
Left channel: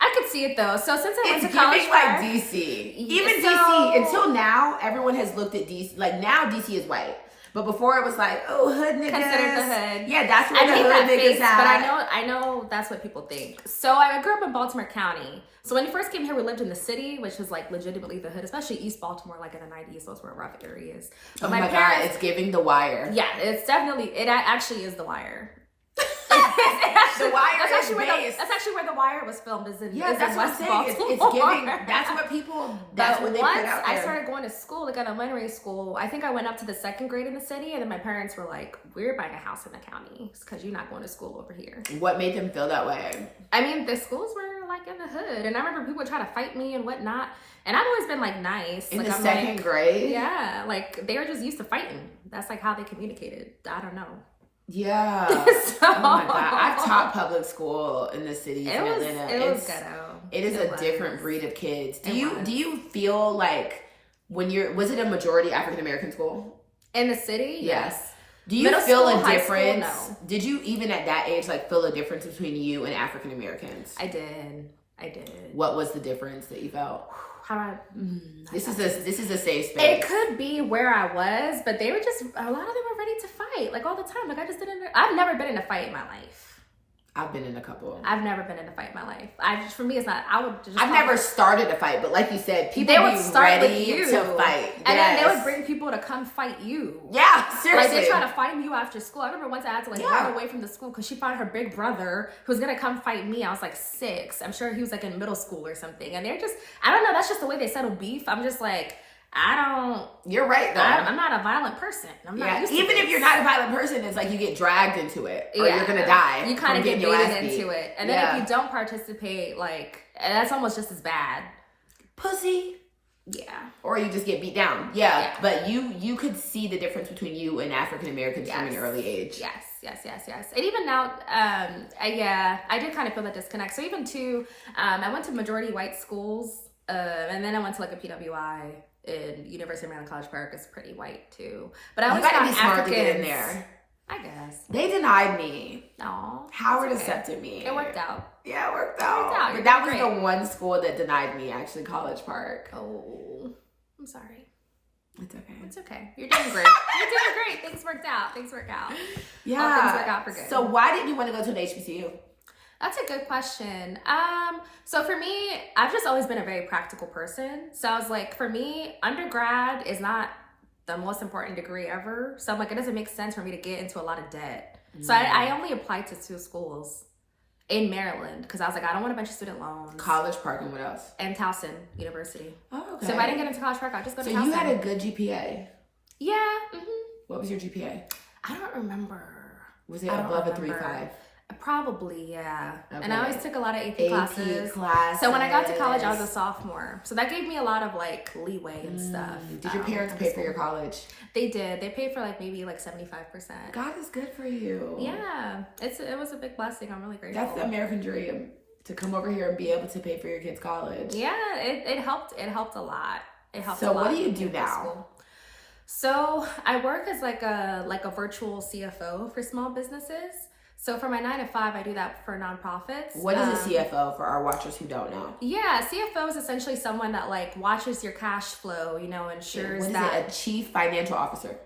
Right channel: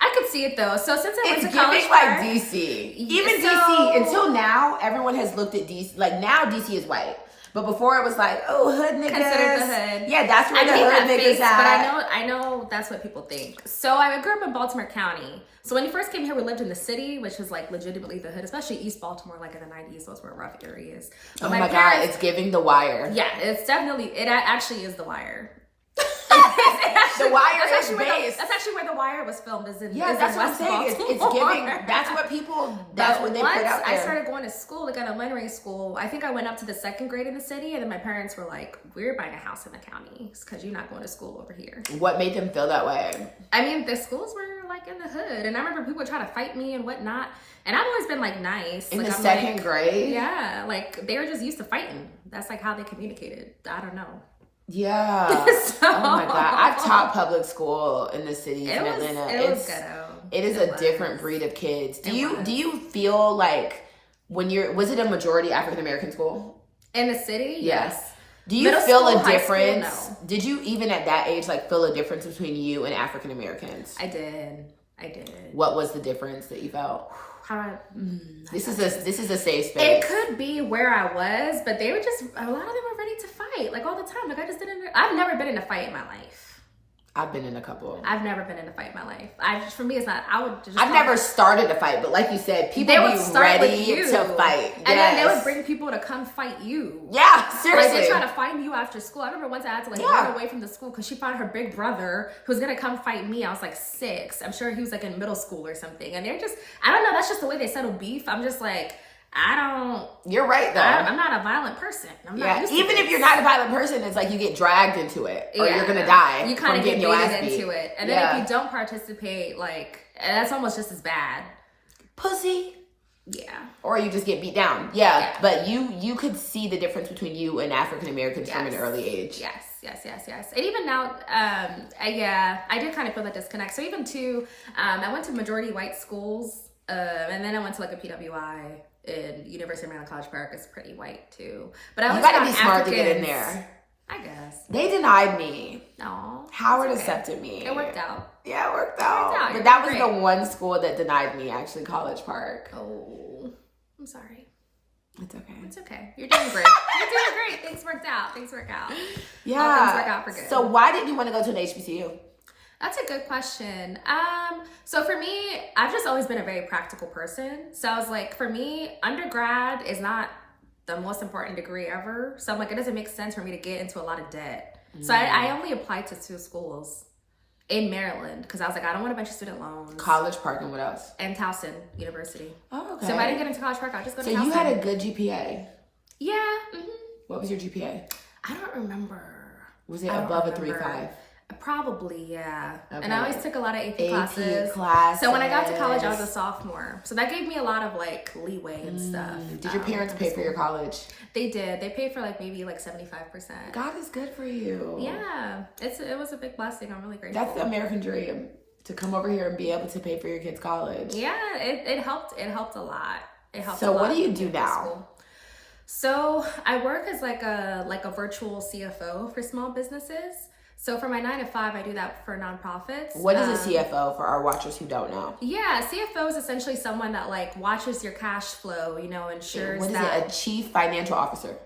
I could see it though. So since I went to It's College giving Park, like DC. Even DC, until now, everyone has looked at DC. Like now, DC is white. But before it was like, oh, hood niggas. Considered the hood. Yeah, that's where the hood niggas at. But I know that's what people think. So I grew up in Baltimore County. So when we first came here, we lived in the city, which is like legitimately the hood, especially East Baltimore, like in the 90s. Those were rough areas. But oh my God, it's giving The Wire. Yeah, it actually is The Wire. The Wire is based. That's actually where The Wire was filmed. That's what I'm saying. It's giving. That's what people. That's what they put out there. I started going to school, like elementary school. I think I went up to the second grade in the city, and then my parents were like, "We're buying a house in the county because you're not going to school over here." What made them feel that way? I mean, the schools were like in the hood, and I remember people would try to fight me and whatnot. And I've always been like nice. In like, the second grade? Yeah, like they were just used to fighting. That's like how they communicated. I don't know. Yeah. So, oh my God. I taught public school in the city in Atlanta. It was ghetto. It is a different breed of kids. Do you feel like was it a majority African American school? In the city? Yes. Do you feel a difference? No. Did you even at that age like feel a difference between you and African Americans? I did. What was the difference that you felt? This is a safe space. It could be where I was, but they were just, a lot of them were ready to fight, like all the time. Like I've never been in a fight in my life. I've been in a couple. I've never been in a fight in my life. For me, it's not. I've never started a fight, but like you said, people would start ready to fight, and then they would bring people to come fight you. Yeah, seriously. Like they try to find you after school. I remember once I had to run away from the school because she found her big brother who was gonna come fight me. I was like 6. I'm sure he was like in middle school or something. And they're just, I don't know. That's just the way they settle beef. I'm just like, You're right though. I'm not a violent person. I'm not used to even if you're not a violent person, it's like you get dragged into it, or you're gonna die. You kind of get baited into it, and then if you don't participate, like that's almost just as bad. Pussy. Yeah. Or you just get beat down. Yeah. But you could see the difference between you and African Americans from an early age. Yes. And even now, I did kind of feel that disconnect. So even too, I went to majority white schools, and then I went to like a PWI. In University of Maryland, College Park is pretty white too. But I always gotta be found smart Africans, to get in there. I guess. They denied me. No. Howard accepted me. It worked out. Yeah, it worked out. But You're that was great. the one school that denied me, actually, College Park. Oh, I'm sorry. It's okay. It's okay. You're doing great. You're doing great. Things worked out. Yeah. All things work out for good. So why did you want to go to an HBCU? That's a good question. So for me, I've just always been a very practical person. So I was like, for me, undergrad is not the most important degree ever. So I'm like, it doesn't make sense for me to get into a lot of debt. So I only applied to 2 schools in Maryland because I was like, I don't want a bunch of student loans. College Park and what else? And Towson University. Oh, okay. So if I didn't get into College Park, I'll just go to Towson. So you had a good GPA? Yeah. Mm-hmm. What was your GPA? I don't remember. Was it above a 3.5? Probably, yeah. Okay. And I always took a lot of AP classes. So when I got to college, I was a sophomore. So that gave me a lot of like leeway and stuff. Did your parents pay for your college? They did. They paid for like maybe like 75%. God is good for you. Yeah, it was a big blessing. I'm really grateful. That's the American dream, to come over here and be able to pay for your kids' college. Yeah, it helped. It helped a lot. It helped. So a lot what do you do now? So I work as like a virtual CFO for small businesses. So for my 9 to 5, I do that for nonprofits. What is a CFO for our watchers who don't know? Yeah, CFO is essentially someone that like watches your cash flow, ensures what is that. it? A chief financial officer?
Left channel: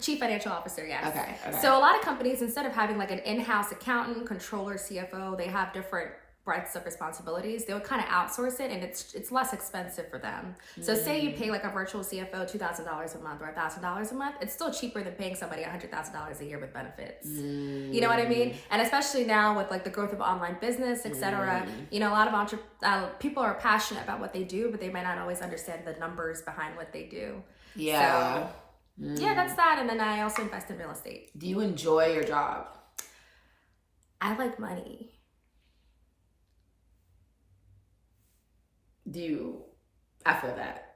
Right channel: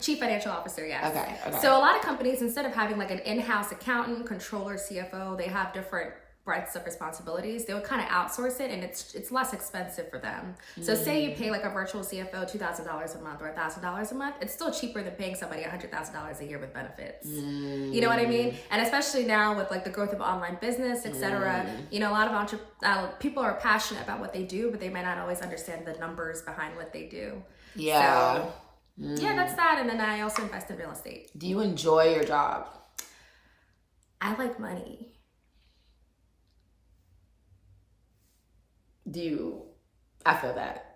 Chief financial officer, yes. Okay. So a lot of companies, instead of having like an in-house accountant, controller, CFO, they have different breadths of responsibilities. They would kind of outsource it, and it's less expensive for them. So say you pay like a virtual CFO $2,000 a month or $1,000 a month, it's still cheaper than paying somebody $100,000 a year with benefits. You know what I mean? And especially now with like the growth of online business, etc. A lot of people are passionate about what they do, but they might not always understand the numbers behind what they do. Yeah. So, yeah, that's that. And then I also invest in real estate. Do you enjoy your job? I like money. I feel that.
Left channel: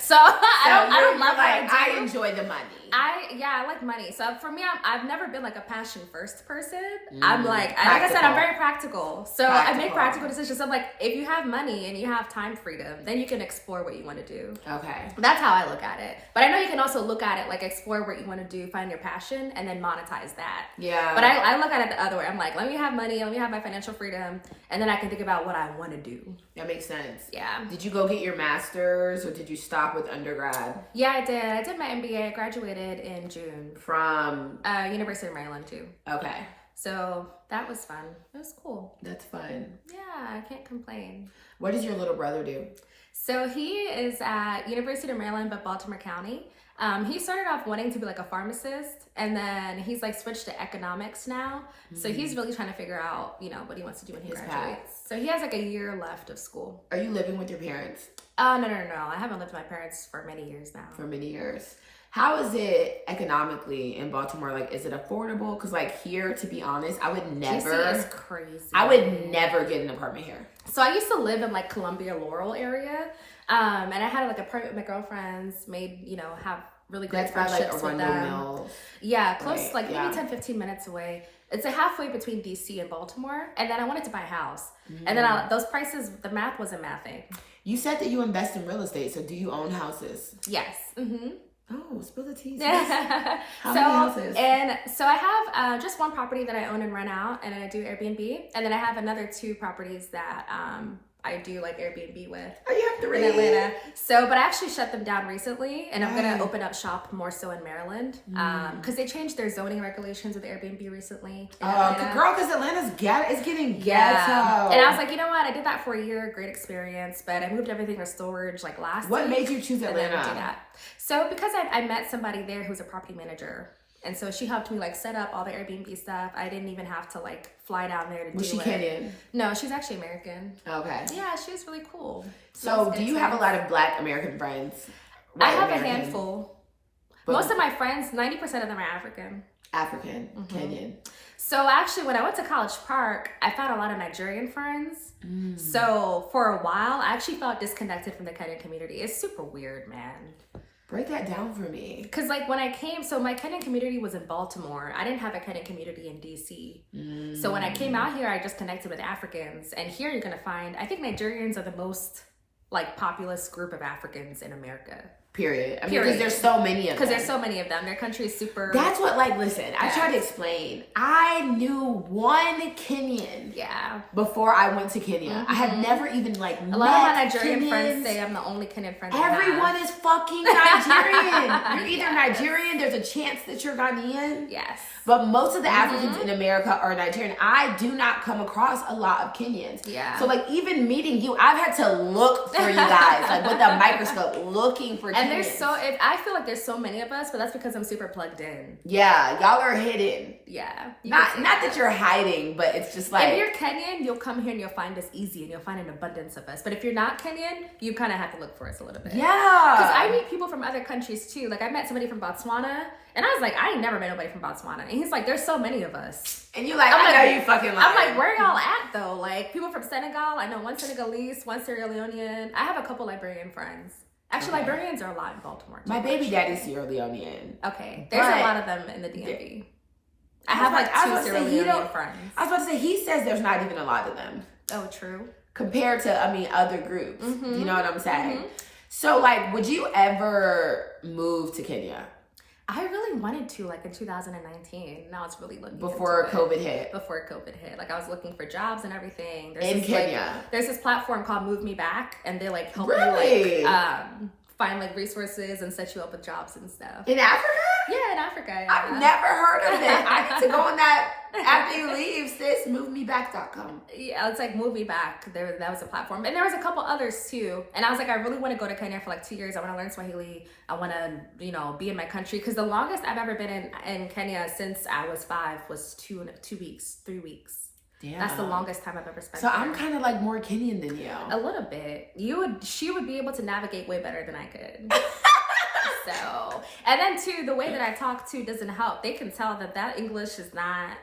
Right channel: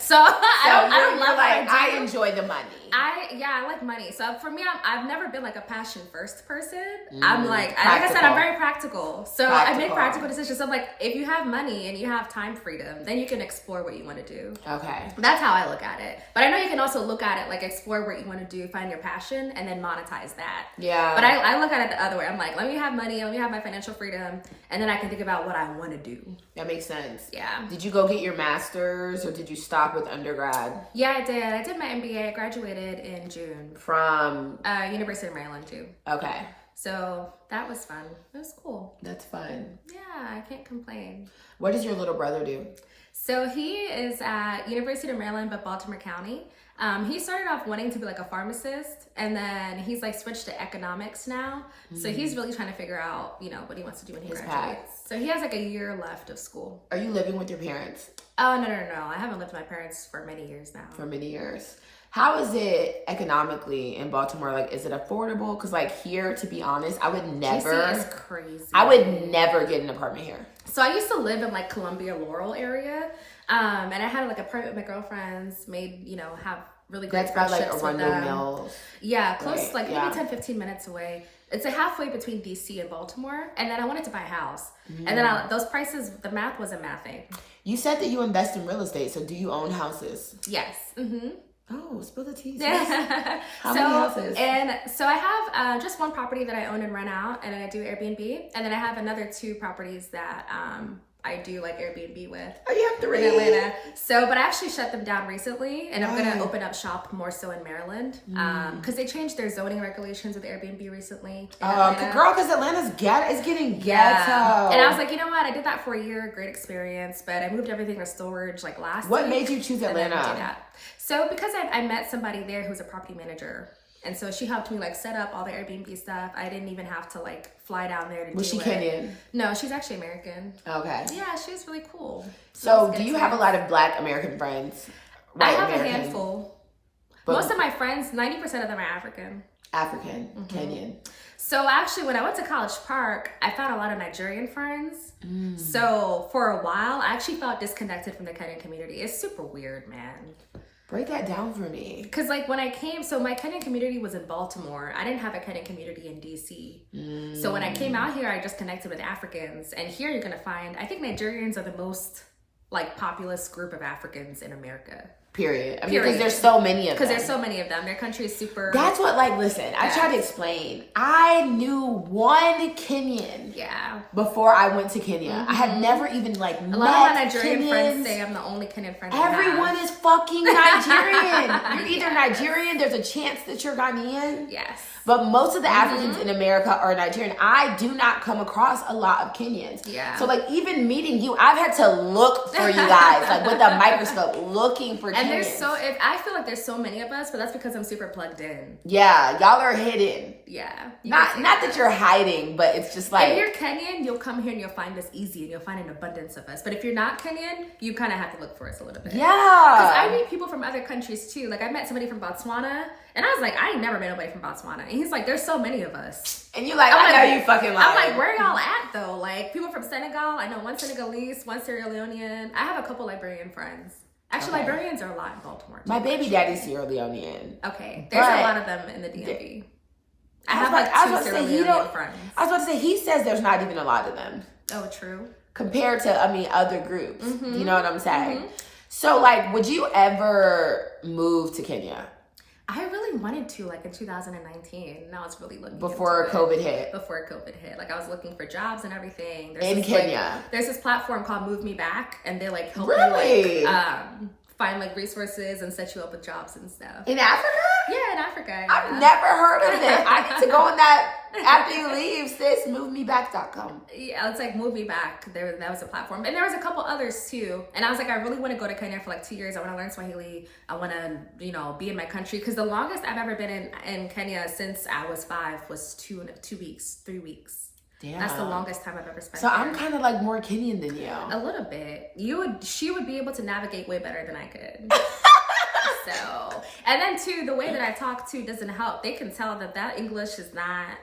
So I don't love like, what I do. I enjoy the money. I like money. So for me, I've never been like a passion first person. I'm like I said, I'm very practical. So I make practical decisions. I'm like, if you have money and you have time freedom, then you can explore what you want to do. Okay. That's how I look at it. But I know you can also look at it like explore what you want to do, find your passion, and then monetize that. Yeah. But I look at it the other way. I'm like, let me have money, let me have my financial freedom, and then I can think about what I want to do. That makes sense. Yeah. Did you go get your master's or did you stop with undergrad? Yeah, I did. I did my MBA. I graduated in June. From? University of Maryland too. Okay. So that was fun. It was cool. That's fun. Yeah, I can't complain. What does your little brother do? So he is at University of Maryland, but Baltimore County. He started off wanting to be like a pharmacist, and then he's like switched to economics now. So he's really trying to figure out, what he wants to do when he graduates. So he has like a year left of school. Are you living with your parents? Oh, no. I haven't lived with my parents for many years now. For many years. How is it economically in Baltimore? Like, is it affordable? Because like here, to be honest, I would never. DC is crazy. I would never get an apartment here. So I used to live in like Columbia, Laurel area. And I had like an apartment with my girlfriends, have really great That's by like friendships Arundel Mills. Yeah, close, right, maybe 10, 15 minutes away. It's a halfway between DC and Baltimore. And then I wanted to buy a house. And then those prices, the math wasn't mathing. You said that you invest in real estate. So do you own houses? Yes. Oh, spill the tea. How many houses? And so I have just one property that I own and rent out, and I do Airbnb. And then I have another 2 properties that I do like Airbnb with. Oh, you have 3 in Atlanta. So, but I actually shut them down recently, and I'm gonna open up shop more so in Maryland, because they changed their zoning regulations with Airbnb recently. Girl, because Atlanta's getting ghetto. And I was like, you know what? I did that for a year, great experience, but I moved everything to storage like last week. What made you choose Atlanta? So because I met somebody there who's a property manager. And so she helped me like set up all the Airbnb stuff. I didn't even have to like fly down there to do it. Was she Kenyan? No, she's actually American. Okay. Yeah, she was really cool. So do you have a lot of Black American friends? I have a handful. But most of my friends, 90% of them are African. Kenyan. So actually when I went to College Park, I found a lot of Nigerian friends. So for a while, I actually felt disconnected from the Kenyan community. It's super weird, man. Break that down for me. Because like when I came, so my Kenyan community was in Baltimore. I didn't have a Kenyan community in DC. So when I came out here, I just connected with Africans. And here you're going to find, I think Nigerians are the most like populous group of Africans in America. Period. I mean, because there's so many of them. Because there's so many of them. Their country is super... That's what, like, listen, I tried to explain. I knew one Kenyan before I went to Kenya. I had never even, like, met a lot of my Nigerian friends say I'm the only Kenyan friend Everyone is fucking Nigerian. You're either Nigerian, there's a chance that you're Ghanaian. Yes. But most of the Africans in America are Nigerian. I do not come across a lot of Kenyans. Yeah. So like even meeting you, I've had to look for you guys, like with a microscope, looking for Kenyans. And there's I feel like there's so many of us, but that's because I'm super plugged in. Yeah, y'all are hidden. Yeah. Not that you're hiding, but it's just like... If you're Kenyan, you'll come here and you'll find us easy and you'll find an abundance of us. But if you're not Kenyan, you kind of have to look for us a little bit. Yeah. Because I meet people from other countries too. Like I met somebody from Botswana, and I was like, I ain't never met nobody from Botswana. And he's like, there's so many of us. And you're like, I know you fucking lying. I'm like, where y'all at though? Like people from Senegal, I know one Senegalese, one Sierra Leonean. I have a couple Liberian friends. Actually, okay. Liberians are a lot in Baltimore. My baby daddy's Sierra Leonean. Okay. There's a lot of them in the DMV. I have like two Sierra Leonean friends. I was about to say, he says there's not even a lot of them. Oh, true. Compared to, other groups. Mm-hmm. You know what I'm saying? Mm-hmm. So, like, would you ever move to Kenya? I really wanted to, like, in 2019. Now it's really looking Before COVID hit. Before COVID hit. Like, I was looking for jobs and everything. In Kenya. Like, there's this platform called Move Me Back, and they, like, help you, like, find, like, resources and set you up with jobs and stuff. In Africa? Yeah, in Africa. Yeah. I've never heard of it. I need to go on that after you leave, sis. MoveMeBack.com. Yeah, it's like Move Me Back. That was a platform. And there was a couple others too. And I was like, I really want to go to Kenya for like 2 years. I want to learn Swahili. I want to, be in my country. Because the longest I've ever been in Kenya since I was 5 was 3 weeks. Damn. That's the longest time I've ever spent. So there. I'm kind of like more Kenyan than you. A little bit. She would be able to navigate way better than I could. So, and then too, the way that I talk too doesn't help. They can tell that English is not,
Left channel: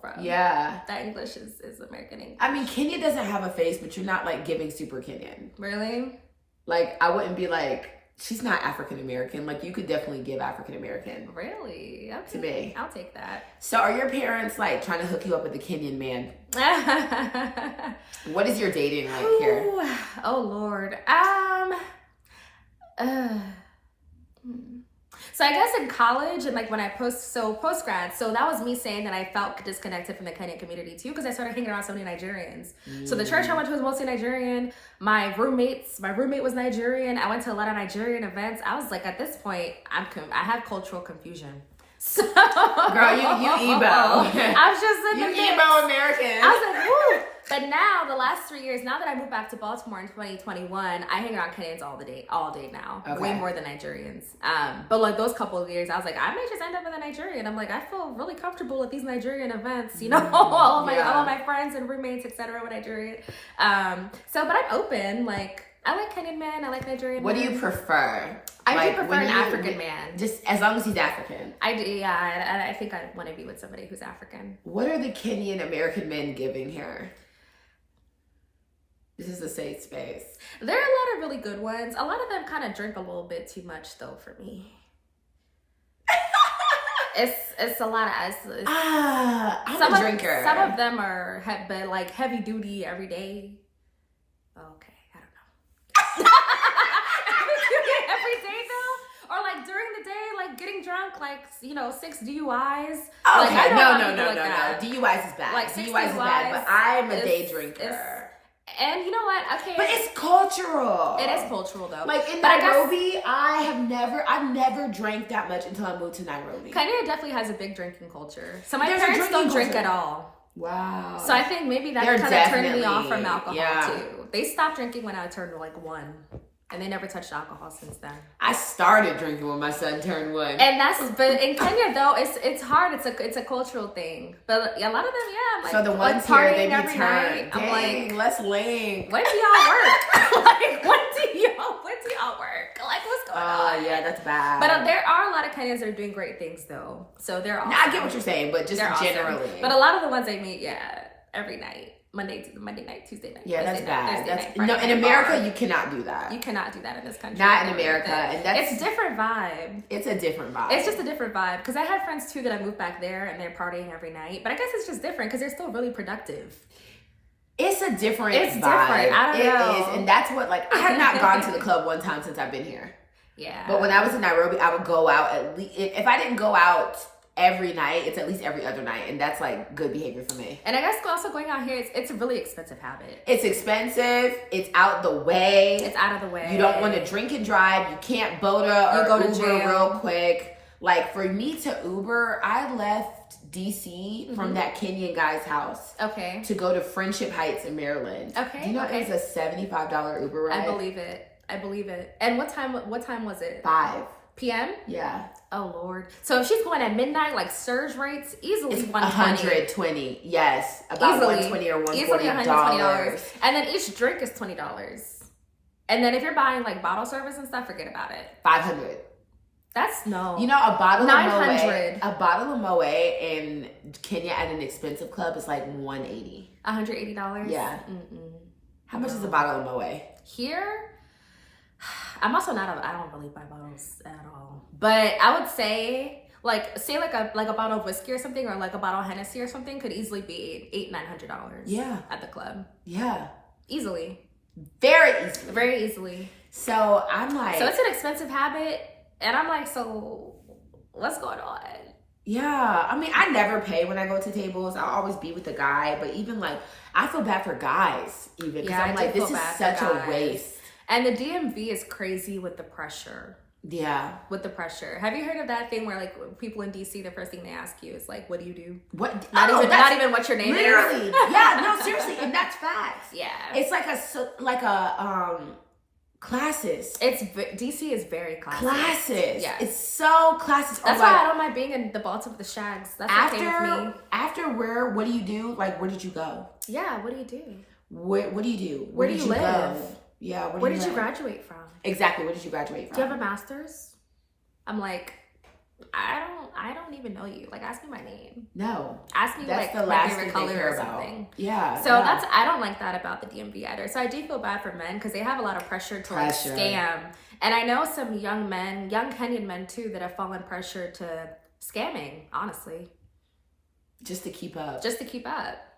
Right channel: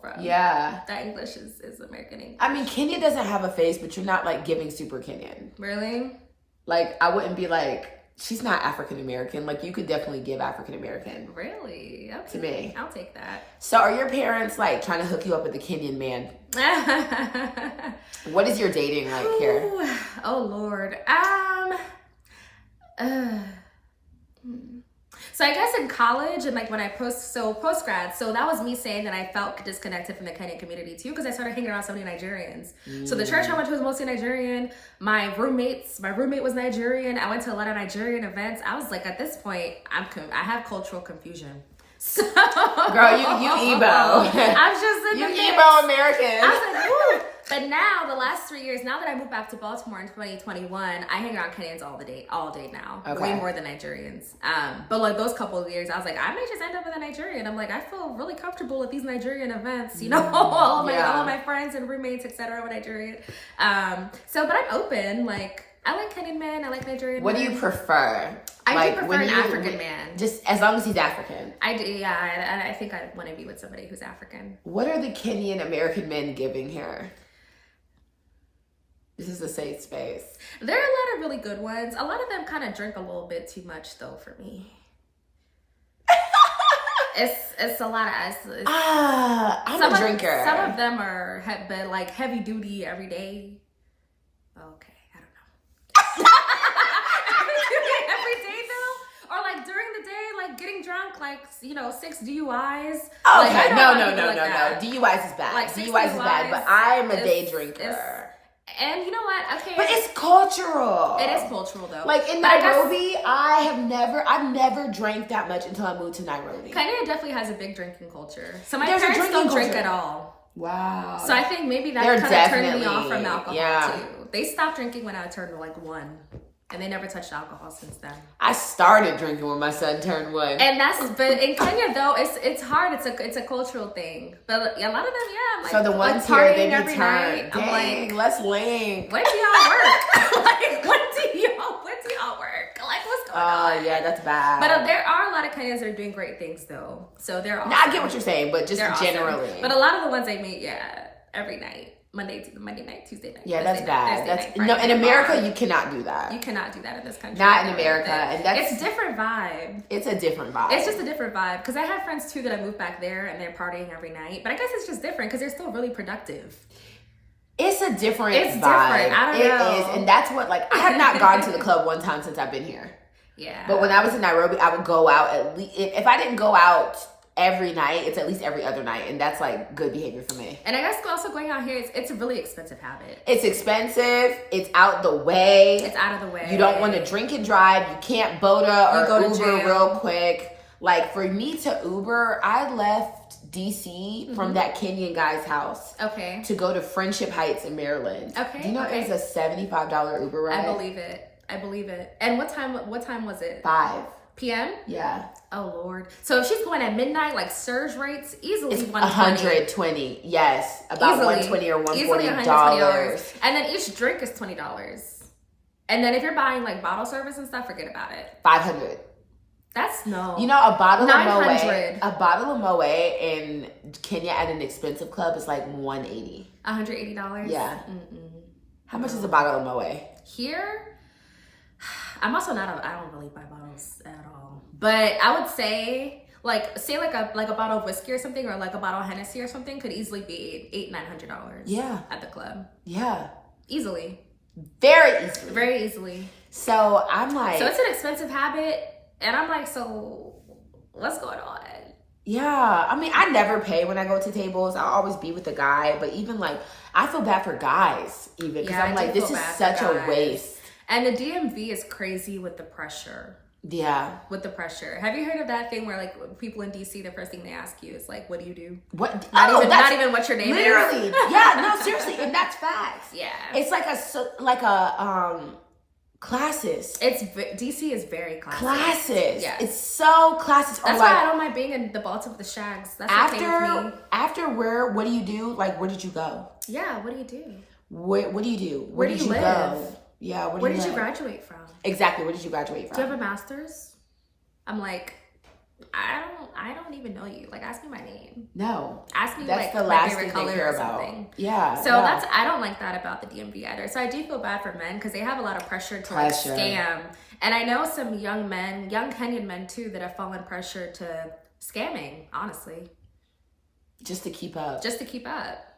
from... Yeah. That English is American English. I mean, Kenya doesn't have a face, but you're not like giving super Kenyan. Really? Like, I wouldn't be like, she's not African American. Like, you could definitely give African American. Really? Okay. To me. I'll take that. So, are your parents like trying to hook you up with a Kenyan man? What is your dating like here? Oh Lord. So I guess in college and like when I post-grad, so that was me saying that I felt disconnected from the Kenyan community too, because I started hanging around so many Nigerians. So the church I went to was mostly Nigerian. My roommate was Nigerian. I went to a lot of Nigerian events. I was like, at this point, I have cultural confusion. So, girl, you Igbo. I was just in the mix. Igbo American. I was like, woo. But now, the last 3 years, now that I moved back to Baltimore in 2021, I hang around Kenyans all day now. Okay. Way more than Nigerians. But like those couple of years, I was like, I may just end up with a Nigerian. I'm like, I feel really comfortable at these Nigerian events, all of my friends and roommates, etc. were Nigerian. But I'm open, like, I like Kenyan men. I like Nigerian men. What do you prefer? I do prefer an African man. Just as long as he's African. I do, yeah. I think I want to be with somebody who's African. What are the Kenyan American men giving here? This is a safe space. There are a lot of really good ones. A lot of them kind of drink a little bit too much, though, for me. It's a lot of... I'm a drinker. Some of them are heavy duty every day. Okay. Every day though, or like during the day, like getting drunk, like 6 DUIs. Okay, like, no. DUIs is bad. Like DUIs is bad, but I'm a day drinker. And you know what? Okay, but it's cultural. It is cultural though. Like in Nairobi, I've never drank that much until I moved to Nairobi. Kenya definitely has a big drinking culture. So my parents don't drink at all. Wow. So I think maybe that kind of turned me off from alcohol too. They stopped drinking when I turned like 1. And they never touched alcohol since then. I started drinking when my son turned 1. And but in Kenya though, it's hard. It's a cultural thing. But a lot of them, I'm like, so the ones like here, they be every night. I'm like, let's link. When do y'all work? Like, when do y'all work? Like, what's going on? Oh yeah, that's bad. But there are a lot of Kenyans that are doing great things though. So they're awesome. No, I get what you're saying, but just generally. Awesome. But a lot of the ones I meet, every night. Monday night, Tuesday night. Yeah, Wednesday that's bad. Night, Friday in America, you cannot do that. You cannot do that in this country. Not in America, and it's a different vibe. It's a different vibe. It's just a different vibe because I had friends too that I moved back there and they're partying every night. But I guess it's just different because they're still really productive. It's a different vibe. Different. I don't know. It is, and that's what I have not gone to the club one time since I've been here. Yeah. But when I was in Nairobi, I would go out at least if I didn't go out every night, it's at least every other night, and that's like good behavior for me. And I guess also going out here, it's a really expensive habit. It's expensive. It's out the way. It's out of the way. You don't want to drink and drive. You can't BOTA or Uber real quick. Like for me to Uber, I left DC from that Kenyan guy's house. Okay. To go to Friendship Heights in Maryland. Okay. Do you know it was a $75 Uber ride? I believe it. I believe it. And what time was it? 5 p.m.? Yeah. Oh Lord. So if she's going at midnight, like surge rates, easily It's 120. $120. Yes. About Easily. $120 or Easily $140. And then each drink is $20. And then if you're buying like bottle service and stuff, forget about it. $500. That's no. You know, a bottle $900. of Moe in Kenya at an expensive club is like $180. $180? Yeah. Mm-mm. How much is a bottle of Moe? Here, I'm also I don't really buy bottles at all. But I would say like a bottle of whiskey or something, or like a bottle of Hennessy or something could easily be $800-900. Yeah. At the club. Yeah. Easily. Very easily. Very easily. So I'm like, so it's an expensive habit. And I'm like, so what's going on? Yeah. I mean, I never pay when I go to tables. I'll always be with a guy. But even like, I feel bad for guys even. Because I'm like, this is such a waste. And the DMV is crazy with the pressure. Yeah. With the pressure. Have you heard of that thing where like people in DC, the first thing they ask you is like, what do you do? What? Not even what your name literally. is. Yeah, no, seriously. And that's facts. Yeah. It's like classes. DC is very classist. Classes. Yeah. It's so classist. That's why I don't mind being in the Baltimore, the Shags. That's okay with me. After what do you do? Like, where did you go? Yeah, what do you do? What do you do? Where do you live? Go? Yeah, where did you graduate from? Exactly, where did you graduate from? Do you have a master's? I'm like, I don't even know you. Like, ask me my name. No. Ask me that's like the my last favorite thing color care or about. something. Yeah. So I don't like that about the DMV either. So I do feel bad for men because they have a lot of pressure to like scam. And I know some young Kenyan men too, that have fallen pressure to scamming, honestly. Just to keep up.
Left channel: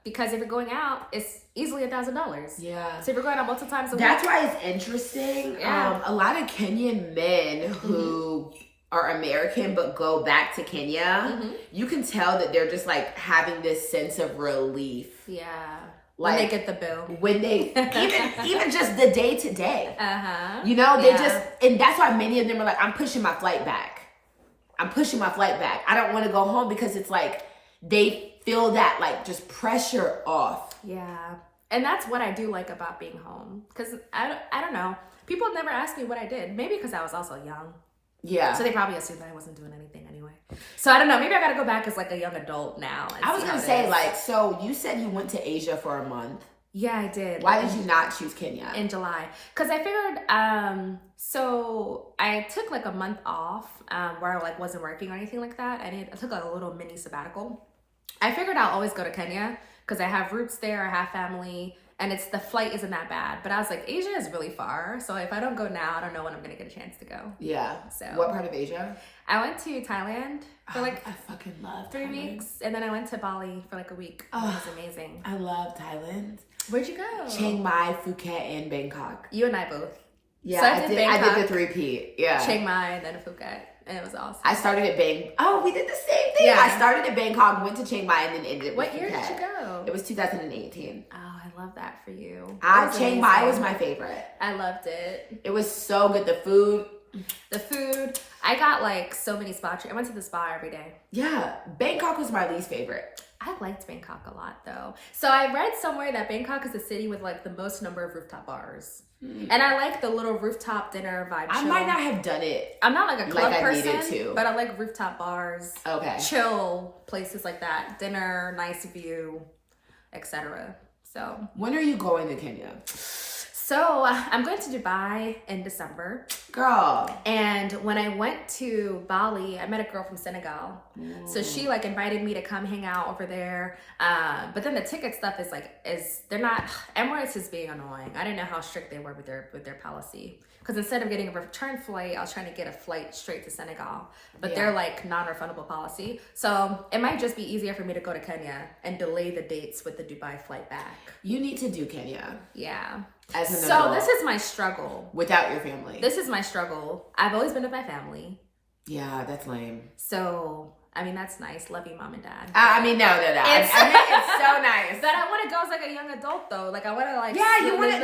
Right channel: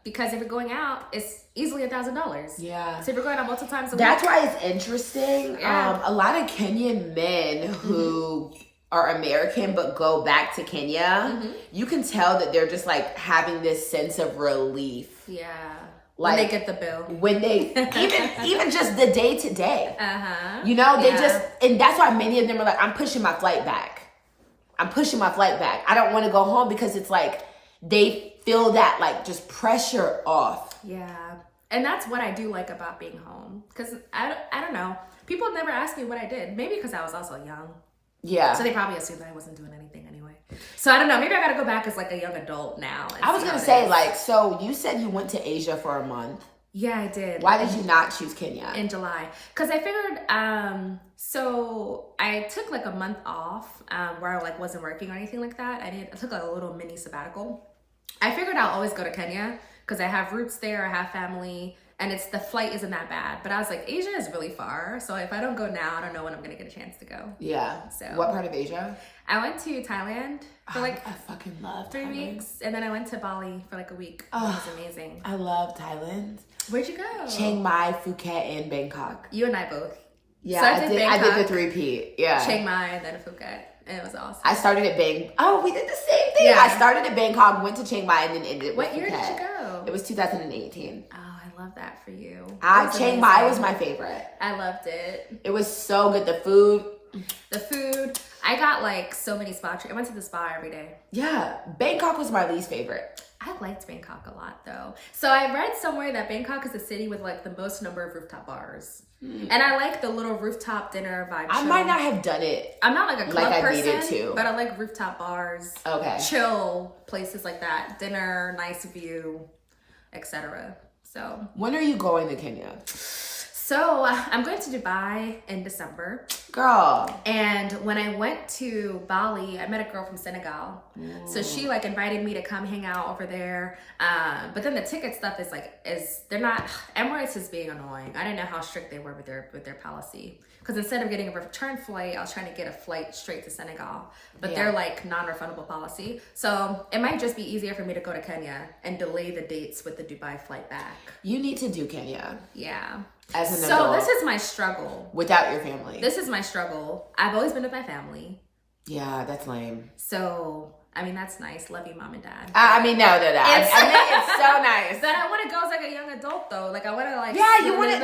Because if you're going out, it's easily $1,000. Yeah. So if you're going out multiple times a week. That's why it's interesting. Yeah. A lot of Kenyan men who are American but go back to Kenya, you can tell that they're just like having this sense of relief. Yeah. Like, when they get the bill. When they, even just the day to day. Uh-huh. You know, they just, and that's why many of them are like, I'm pushing my flight back. I don't want to go home because it's like, they feel that like just pressure off. Yeah. And that's what I do like about being home. Because I don't know. People never asked me what I did. Maybe because I was also young. Yeah. So they probably assumed I wasn't doing anything anyway. So I don't know. Maybe I got to go back as like a young adult now. I was going to say like, so you said you went to Asia for a month. Yeah, I did. Why did you not choose Kenya? In July. Because I figured, so I took like a month off where I like wasn't working or anything like that. I took like a little mini sabbatical. I figured I'll always go to Kenya because I have roots there, I have family, and the flight isn't that bad. But I was like, Asia is really far, so if I don't go now, I don't know when I'm gonna get a chance to go. Yeah. So what part of Asia? I went to Thailand for like I fucking love 3 weeks, and then I went to Bali for like a week. That was amazing. I love Thailand. Where'd you go? Chiang Mai, Phuket, and Bangkok. You and I both. Yeah, so I did the 3-peat. Yeah. Chiang Mai and then Phuket. And it was awesome. I started at we did the same thing. Yeah. I started at Bangkok, went to Chiang Mai, and then ended What year did you go? It was 2018. Oh, I love that for you. Chiang Mai was my favorite. I loved it. It was so good. The food. I got like so many spa treatments. I went to the spa every day. Yeah. Bangkok was my least favorite. I liked Bangkok a lot though. So I read somewhere that Bangkok is the city with like the most number of rooftop bars. And I like the little rooftop dinner vibe. I might not have done it. I'm not like a club person, needed to. but I like rooftop bars. Okay. Chill places like that. Dinner, nice view, etc. So. When are you going to Kenya? So I'm going to Dubai in December. Girl. And when I went to Bali, I met a girl from Senegal. So she like invited me to come hang out over there. But then the ticket stuff they're not, Emirates is being annoying. I didn't know how strict they were with their policy. Because instead of getting a return flight, I was trying to get a flight straight to Senegal. But they're like non-refundable policy. So it might just be easier for me to go to Kenya and delay the dates with the Dubai flight back. You need to do Kenya. Yeah. As an So adult. this is my struggle. Without your family. This is my struggle. I've always been with my family. Yeah, that's lame. So, I mean, that's nice. Love you, mom and dad. I mean, no. I know it's so nice. But I want to go as like a young adult though. Like I want to like. Yeah, you want to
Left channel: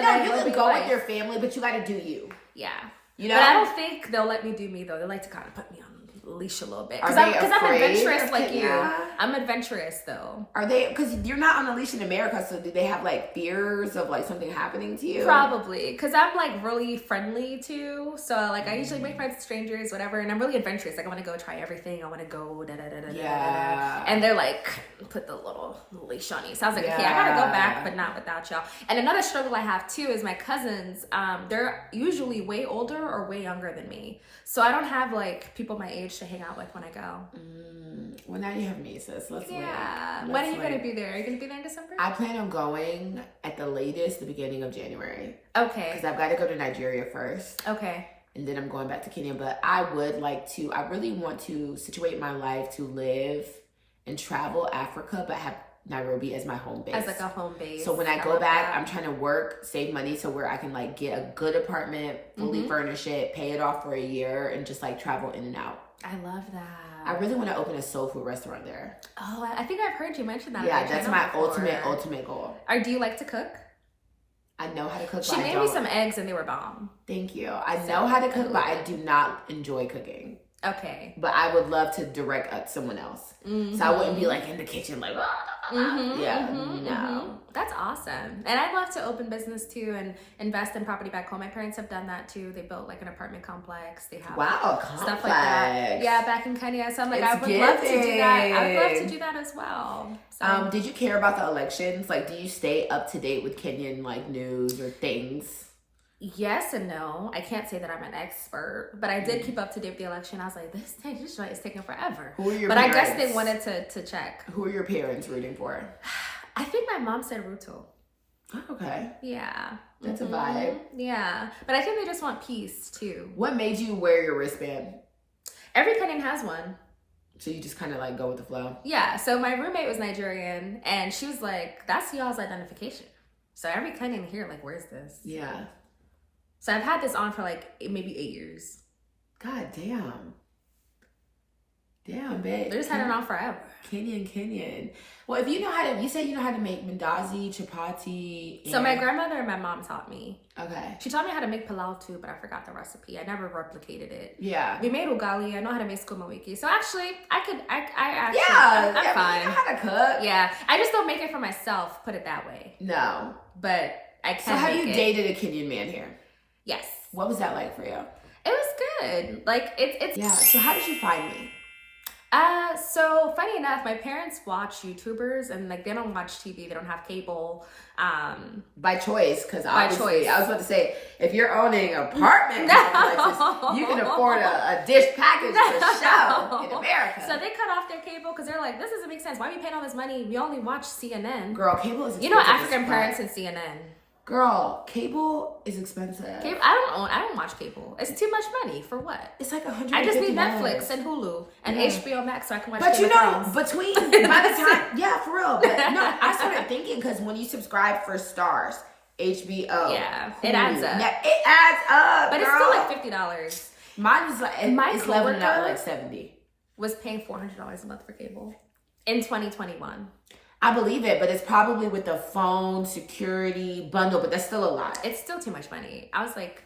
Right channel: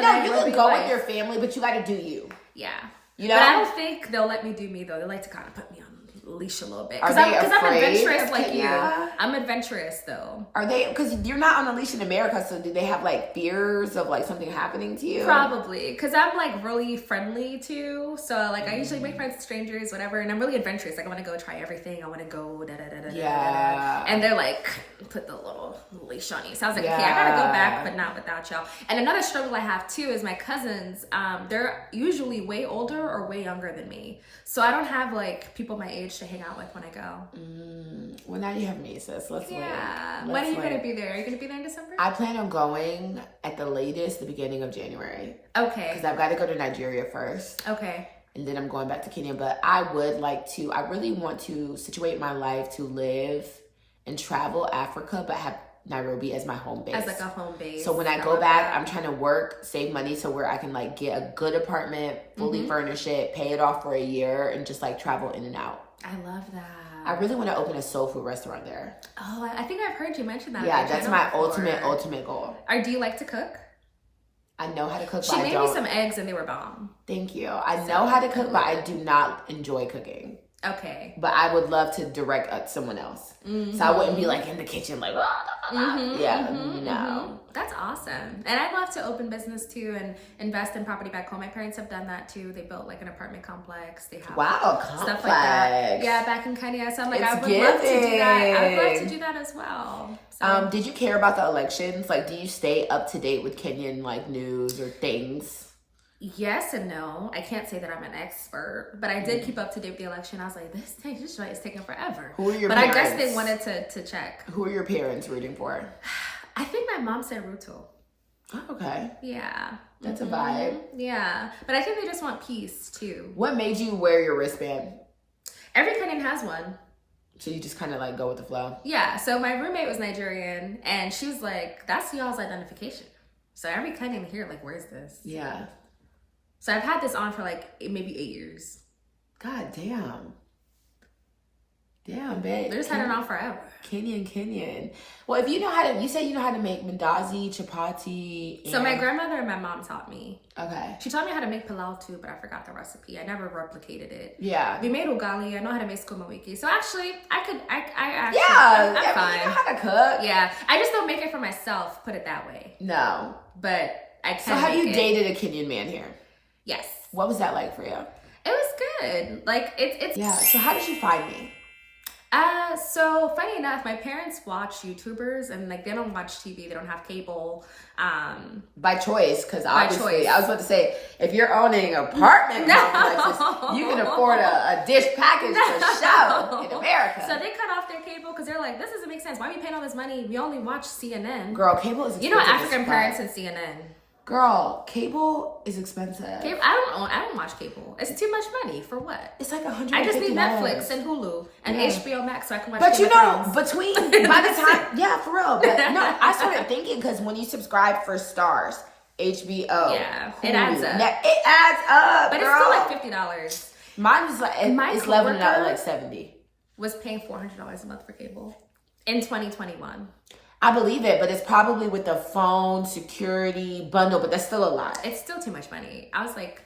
go life. with your family, but you got to do you. Yeah. You know. But I don't think they'll let me do me though. They like to kind of put me on leash a little bit. Are Because they I'm afraid adventurous of like you. Kenya? I'm adventurous though. Are they? Because you're not on a leash in America, so do they have like fears of like something happening to you? Probably, because I'm like really friendly too. So like I usually make friends with strangers, whatever, and I'm really adventurous. Like I want to go try everything. I want to go da da da da da da. And they're like, put the little leash on you. So I was like, okay, I gotta go back, but not without y'all. And another struggle I have too is my cousins. They're usually way older or way younger than me. So I don't have like people my age to hang out with when I go. Well, now you have nieces. Let's wait. When are you going to be there? Are you going to be there in December? I plan on going at the latest the beginning of January. Okay. Because I've got to go to Nigeria first. Okay. And then I'm going back to Kenya. But I would like to, I really want to situate my life to live and travel Africa, but have Nairobi as my home base. As like a home base. So when I go back, I'm trying to work, save money so where I can like get a good apartment, fully furnish it, pay it off for a year, and just like travel in and out. I love that. I really want to open a soul food restaurant there. Oh, I think I've heard you mention that. Yeah, that's my ultimate goal. Or do you like to cook? I know how to cook, She but I made don't. me some eggs and they were bomb. Thank you. I know how to cook, but I do not enjoy cooking. Okay. But I would love to direct someone else. So I wouldn't be like in the kitchen like, no. That's awesome. And I'd love to open business too and invest in property back home. My parents have done that too. They built like an apartment complex. They have stuff like that. Yeah, back in Kenya. So I'm like, I would love to do that. I would love to do that as well. So, did you care about the elections? Like, do you stay up to date with Kenyan like news or things? Yes and no. I can't say that I'm an expert, but I did keep up to date with the election. I was like, this joint is taking forever. Who are your parents? parents? I guess they wanted to check. Who are your parents rooting for? I think my mom said Ruto. Oh, okay. Yeah. That's a vibe. Yeah. But I think they just want peace too. What made you wear your wristband? Every Kenyan has one. So you just kind of like go with the flow? Yeah. So my roommate was Nigerian and she was like, that's y'all's identification. So every Kenyan here, like, where's this? Yeah. So I've had this on for like maybe 8 years. God damn. Damn, babe. They're just had it on forever. Kenyan. Well, if you know how to, you say you know how to make mandazi, chapati. So my grandmother and my mom taught me. Okay. She taught me how to make pilau too, but I forgot the recipe. I never replicated it. Yeah. We made ugali. I know how to make sukuma wiki. So actually, I'm fine. You know how to cook. Yeah. I just don't make it for myself, put it that way. No. But I can. So have you dated a Kenyan man here? Yes. What was that like for you? It was good. Like it's Yeah. So how did you find me? So funny enough, my parents watch YouTubers and like they don't watch TV, they don't have cable. By choice, because obviously I was about to say if you're owning apartment complexes, you can afford a dish package for show in America. So they cut off their cable because they're like, this doesn't make sense. Why are we paying all this money? We only watch CNN. Girl, cable is expensive. You know African parents and CNN. Girl, cable is expensive. Cable, I don't watch cable. It's too much money for what? It's like $150. I just need Netflix and Hulu and HBO Max so I can watch. But Game you of know, Thrones. between by the time, yeah, for real. But no, I started thinking because when you subscribe for Stars, HBO, yeah, Hulu, it adds up. It adds up, but girl. it's still like $50. Mine was like it's leveling out like $70. Was paying $400 a month for cable in 2021. I believe it, but it's probably with the phone security bundle, but that's still a lot. It's still too much money. I was like,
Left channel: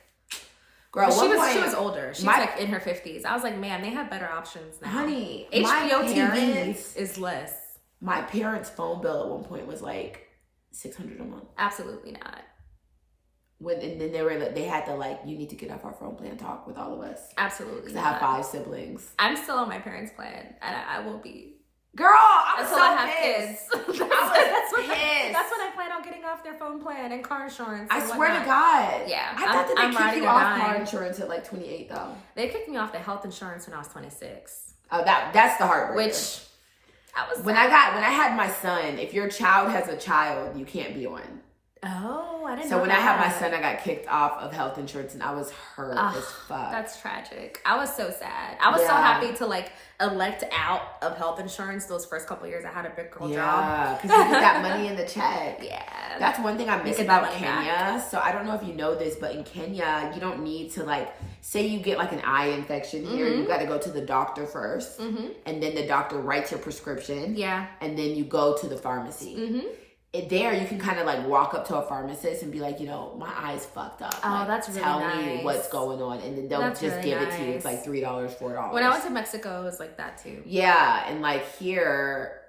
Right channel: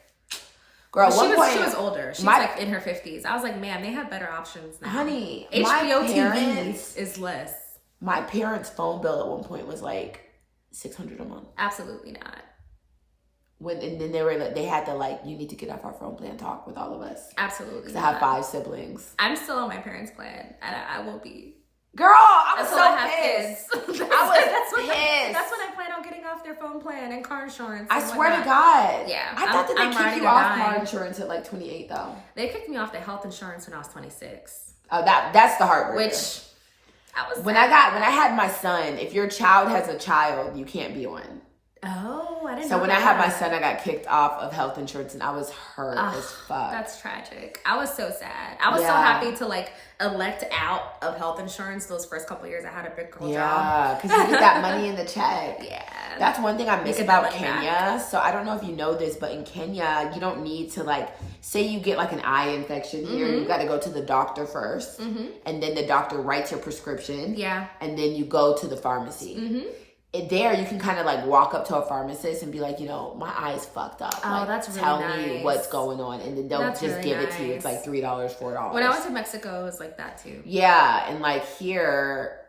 girl, she was older. She's like in her 50s. I was like, man, they have better options now. Honey, HBO TV is less. My parents' phone bill at one point was like $600 a month. Absolutely not. And then they had to like, you need to get off our phone plan, talk with all of us. Absolutely. Because I have 5 siblings. I'm still on my parents' plan. I won't be. Girl, I was Until so I have pissed. kids. That's when I plan on getting off their phone plan and car insurance. I swear to God. Yeah. I thought that they kicked you off car insurance at like 28 though. They kicked me off the health insurance when I was 26. Oh, that's the heartbreaker. Which I was when I had my son, if your child has a child, you can't be on. Oh, I didn't know. So when I had my son, I got kicked off of health insurance and I was hurt as fuck. That's tragic. I was so sad. I was so happy to like elect out of health insurance those first couple of years. I had a big girl job. Yeah, because you get that money in the check. Yeah. That's one thing I miss about Kenya. So I don't know if you know this, but in Kenya, you don't need to like, say you get like an eye infection here, you got to go to the doctor first. And then the doctor writes a prescription. Yeah. And then you go to the pharmacy. there you can kind of like walk up to a pharmacist and be like, you know, my eye's fucked up. Oh, like, that's really tell nice. me what's going on, and then they'll That's just really give it to you. nice. It's like $3, $4. When I went to Mexico, it was like that too. Yeah, and like here,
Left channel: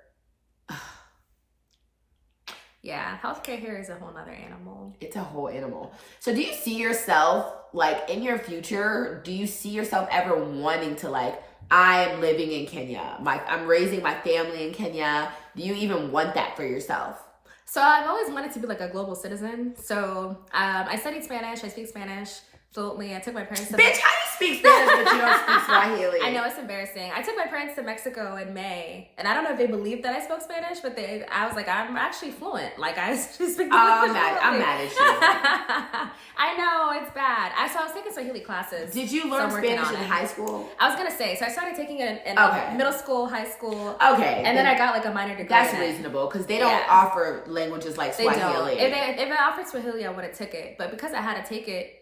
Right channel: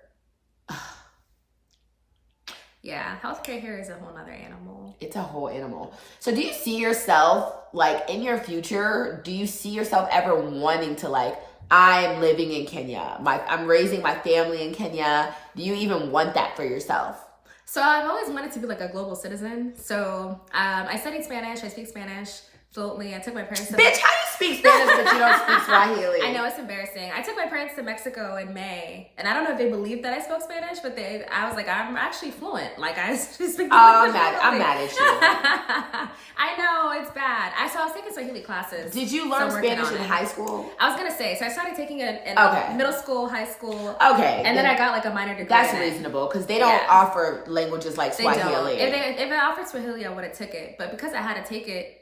yeah, healthcare here is a whole nother animal. it's a whole animal. So do you see yourself like in your future? Do you see yourself ever wanting to like, I'm living in Kenya, I'm raising my family in Kenya? Do you even want that for yourself? So I've always wanted to be like a global citizen. So I studied Spanish. I speak Spanish fluently. I took my parents to Bitch, how do you speak Spanish but you don't speak Swahili? I know, it's embarrassing. I took my parents to Mexico in May, and I don't know if they believed that I spoke Spanish, but I was like, I'm actually fluent. Like I speak. I'm mad at you. I know, it's bad. So I was taking Swahili classes. Did you learn Spanish in high school? I was gonna say, so I started taking it in middle school, high school. Okay. And then I got like a minor degree. That's reasonable, because they don't offer languages like Swahili. They don't. If I offered Swahili, I would have took it. But because I had to take it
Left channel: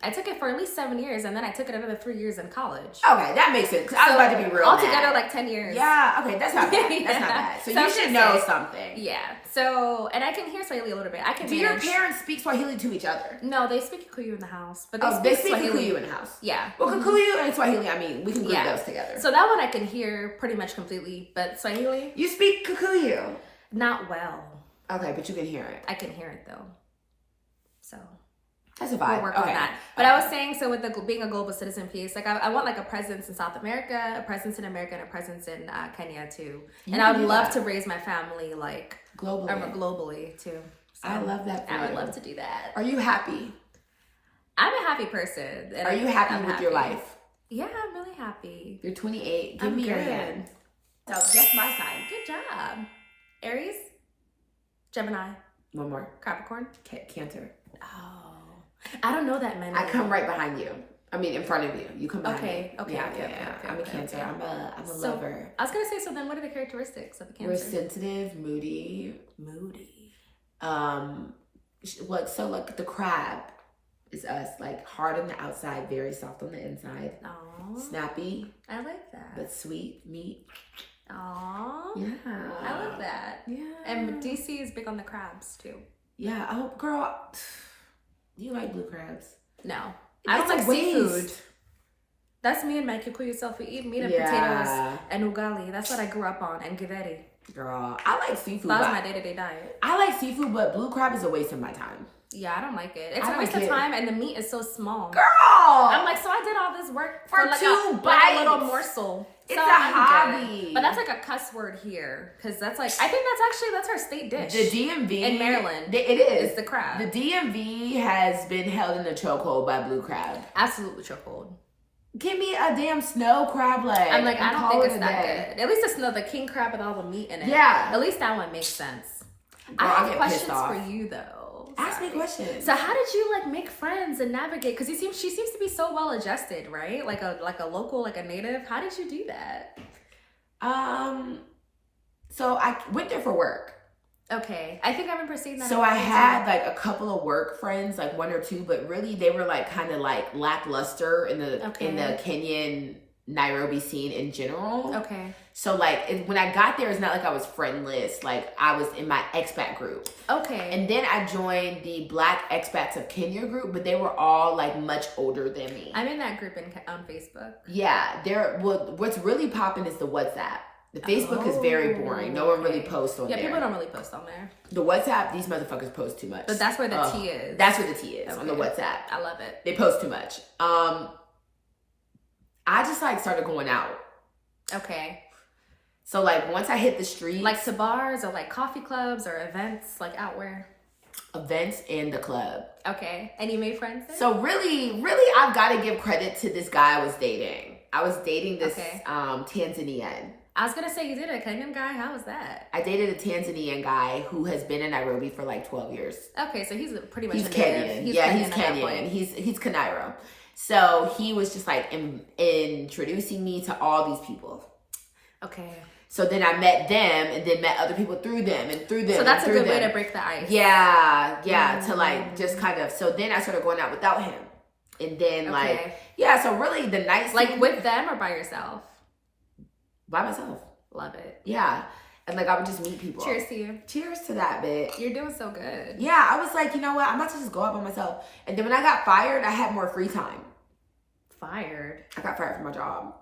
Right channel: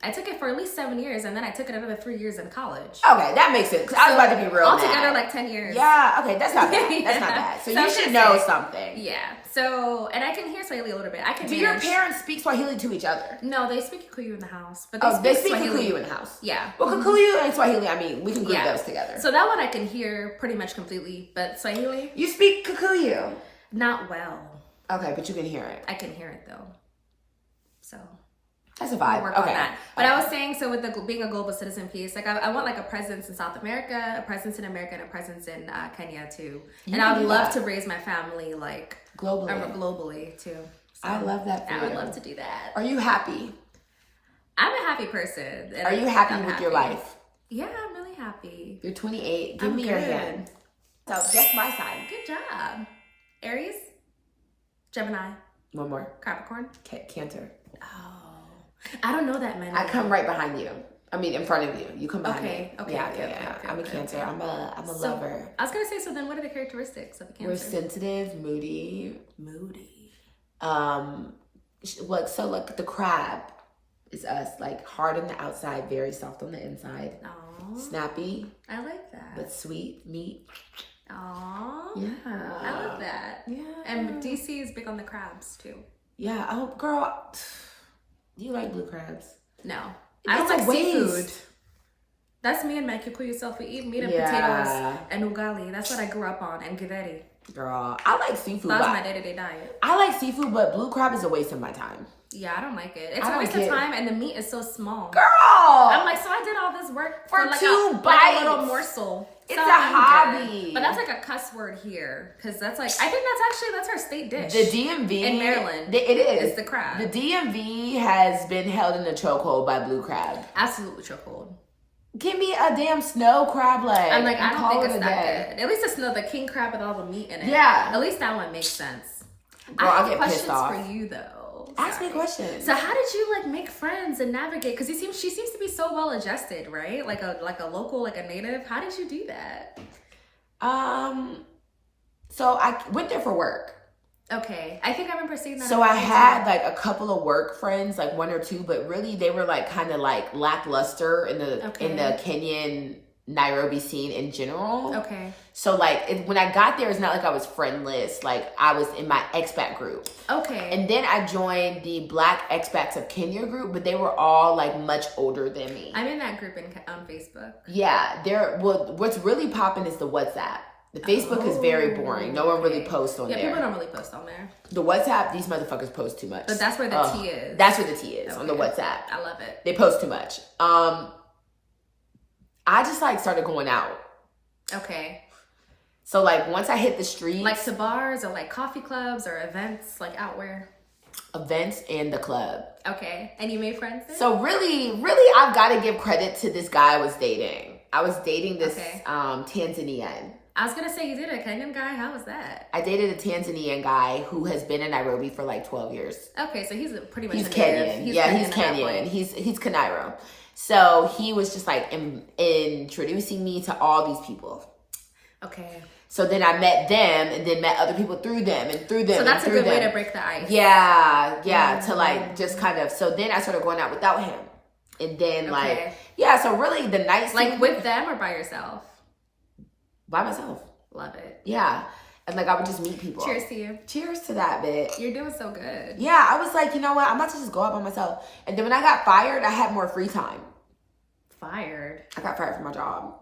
I took it for at least 7 years, and then I took it another 3 years in college. Okay, that makes sense. I was about to be real altogether mad. Like 10 years. Yeah, okay, that's not bad. That's not bad. So you should know something. Yeah. So, and I can hear Swahili a little bit. I can. Do your parents speak Swahili to each other? No, they speak Kikuyu in the house. But they speak Swahili. Kikuyu in the house. Yeah. Well, Kikuyu and Swahili, I mean, we can group those together. So that one I can hear pretty much completely, but Swahili? You speak Kikuyu? Not well. Okay, but you can hear it. I can hear it though. So. That's a vibe. We'll work on that. But I was saying, so with being a global citizen piece, like I want like a presence in South America, a presence in America, and a presence in Kenya too. And I would love to raise my family like globally too. So I love that for you. I would love to do that. Are you happy? I'm a happy person. Are you happy with your life? Yeah, I'm really happy. You're 28. Give I'm me your good. hand. So guess my sign. Good job. Aries, Gemini, One more. Capricorn, Cancer. Oh. I don't know that many. I come right behind you. I mean, in front of you. You come behind me. Okay. I'm a Cancer. I'm a lover. I was gonna say. So then, what are the characteristics of a Cancer? We're sensitive, moody. Like the crab is us. Like hard on the outside, very soft on the inside. Aww. Snappy. I like that. But sweet, neat. Aww. Yeah. I love that. Yeah. And DC is big on the crabs too. Yeah. Oh, girl. Do you like blue crabs? No. I don't like waste. seafood. That's me and my Kikuyu self. We eat meat and potatoes and ugali. That's what I grew up on. And githeri. Girl, I like seafood. That's my day-to-day diet. I like seafood, but blue crab is a waste of my time. Yeah, I don't like it. It's a waste of time, and the meat is so small. Girl! I'm like, so I did all this work for like two bites. Like a little morsel. It's a hobby. Good. But that's like a cuss word here. Because that's like, I think that's our state dish. The DMV. In Maryland. It is. It's the crab. The DMV has been held in a chokehold by blue crab. Absolutely chokehold. Give me a damn snow crab leg. I'm like, I don't think it's that good. At least it's the king crab with all the meat in it. Yeah. At least that one makes sense. Girl, I have questions for you though. Ask me questions. So how did you like make friends and navigate? Because she seems to be so well adjusted, right? Like a local, like a native. How did you do that? So I went there for work. Okay, I think I remember seeing that. So I had like a couple of work friends, like one or two, but really they were like kind of like lackluster in the Kenyan Nairobi scene in general. Okay. So like when I got there, it's not like I was friendless. Like I was in my expat group. Okay. And then I joined the Black Expats of Kenya group, but they were all like much older than me. I'm in that group on Facebook. Yeah, what's really popping is the WhatsApp. The Facebook is very boring. No one really posts on there. Yeah, people don't really post on there. The WhatsApp, these motherfuckers post too much. But that's where the tea is. That's where the tea is, on the WhatsApp. I love it. They post too much. I just like started going out. Okay. So like once I hit the street. Like to bars or like coffee clubs or events, like out where? Events and the club. Okay. And you made friends there? So really, I've got to give credit to this guy I was dating. I was dating this Tanzanian. I was going to say, you did a Kenyan guy? How was that? I dated a Tanzanian guy who has been in Nairobi for like 12 years. Okay, so he's pretty much He's Kenyan. He's Kenyan. He's Kanairo. So he was just like introducing me to all these people. Okay. So then I met them and then met other people through them and through them. So that's a good way to break the ice. Yeah. To like just kind of, so then I started going out without him. And then so really the night scene. Like with them or by yourself? By myself. Love it. Yeah. And like I would just meet people. Cheers to you. Cheers to that, bitch. You're doing so good. Yeah, I was like, you know what? I'm about to just go out by myself. And then when I got fired, I had more free time. Fired? I got fired from my job.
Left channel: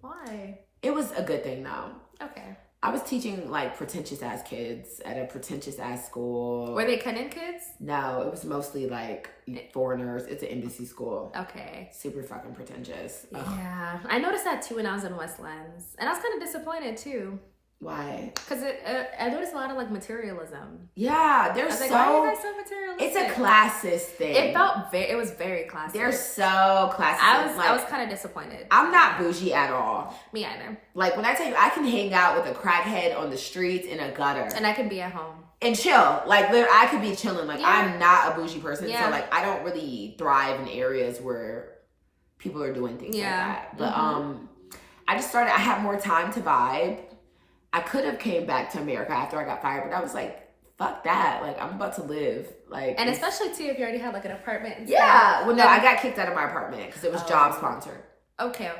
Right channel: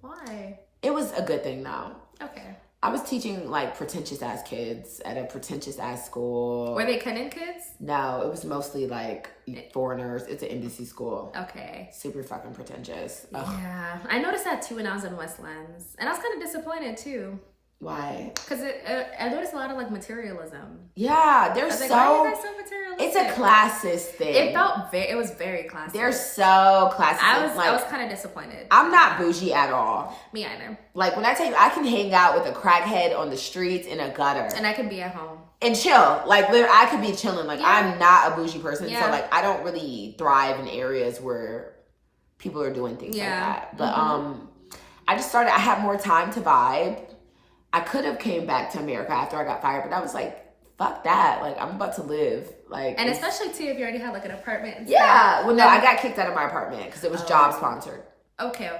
Why? It was a good thing though. Okay. I was teaching like pretentious ass kids at a pretentious ass school. Were they Kenyan kids? No, it was mostly like foreigners. It's an embassy school. Okay. Super fucking pretentious. Ugh. Yeah. I noticed that too when I was in Westlands. And I was kind of disappointed too. Why? Because I noticed a lot of like materialism. Yeah, they're I was so. like, why are you guys so materialistic? It's a classist thing. It was very classist. They're so classist. I was kind of disappointed. I'm not bougie at all. Me either. Like when I tell you, I can hang out with a crackhead on the streets in a gutter. And I can be at home. And chill. Like literally, I could be chilling. Like Yeah. I'm not a bougie person. Yeah. So like I don't really thrive in areas where people are doing things like that. But I just started, I had more time to vibe. I could have came back to America after I got fired, but I was like, fuck that. Like, I'm about to live. Like, And especially, too, if you already have, like, an apartment and yeah. stuff. Well, no, I got kicked out of my apartment because it was job sponsored. Okay.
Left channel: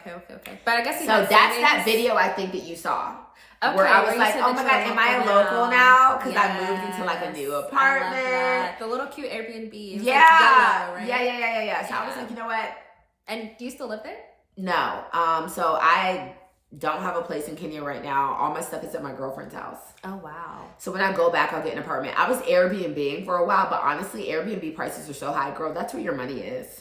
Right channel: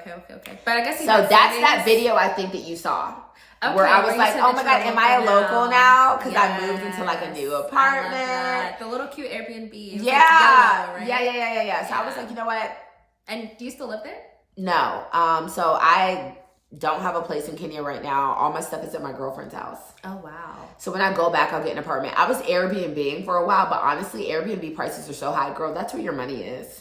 But I guess So that's that video I think that you saw. Okay, where I was you like, said oh that my you God, were am I a local now? Because I Yes. moved into like a new I love apartment. that. The little cute Airbnb. It was, Yeah. like, yellow, right? Yeah. So I was like, you know what? And do you still live there? No. So I don't have a place in Kenya right now. All my stuff is at my girlfriend's house. Oh, wow. So when I go back, I'll get an apartment. I was Airbnb-ing for a while, but honestly, Airbnb prices are so high. Girl, that's where your money is.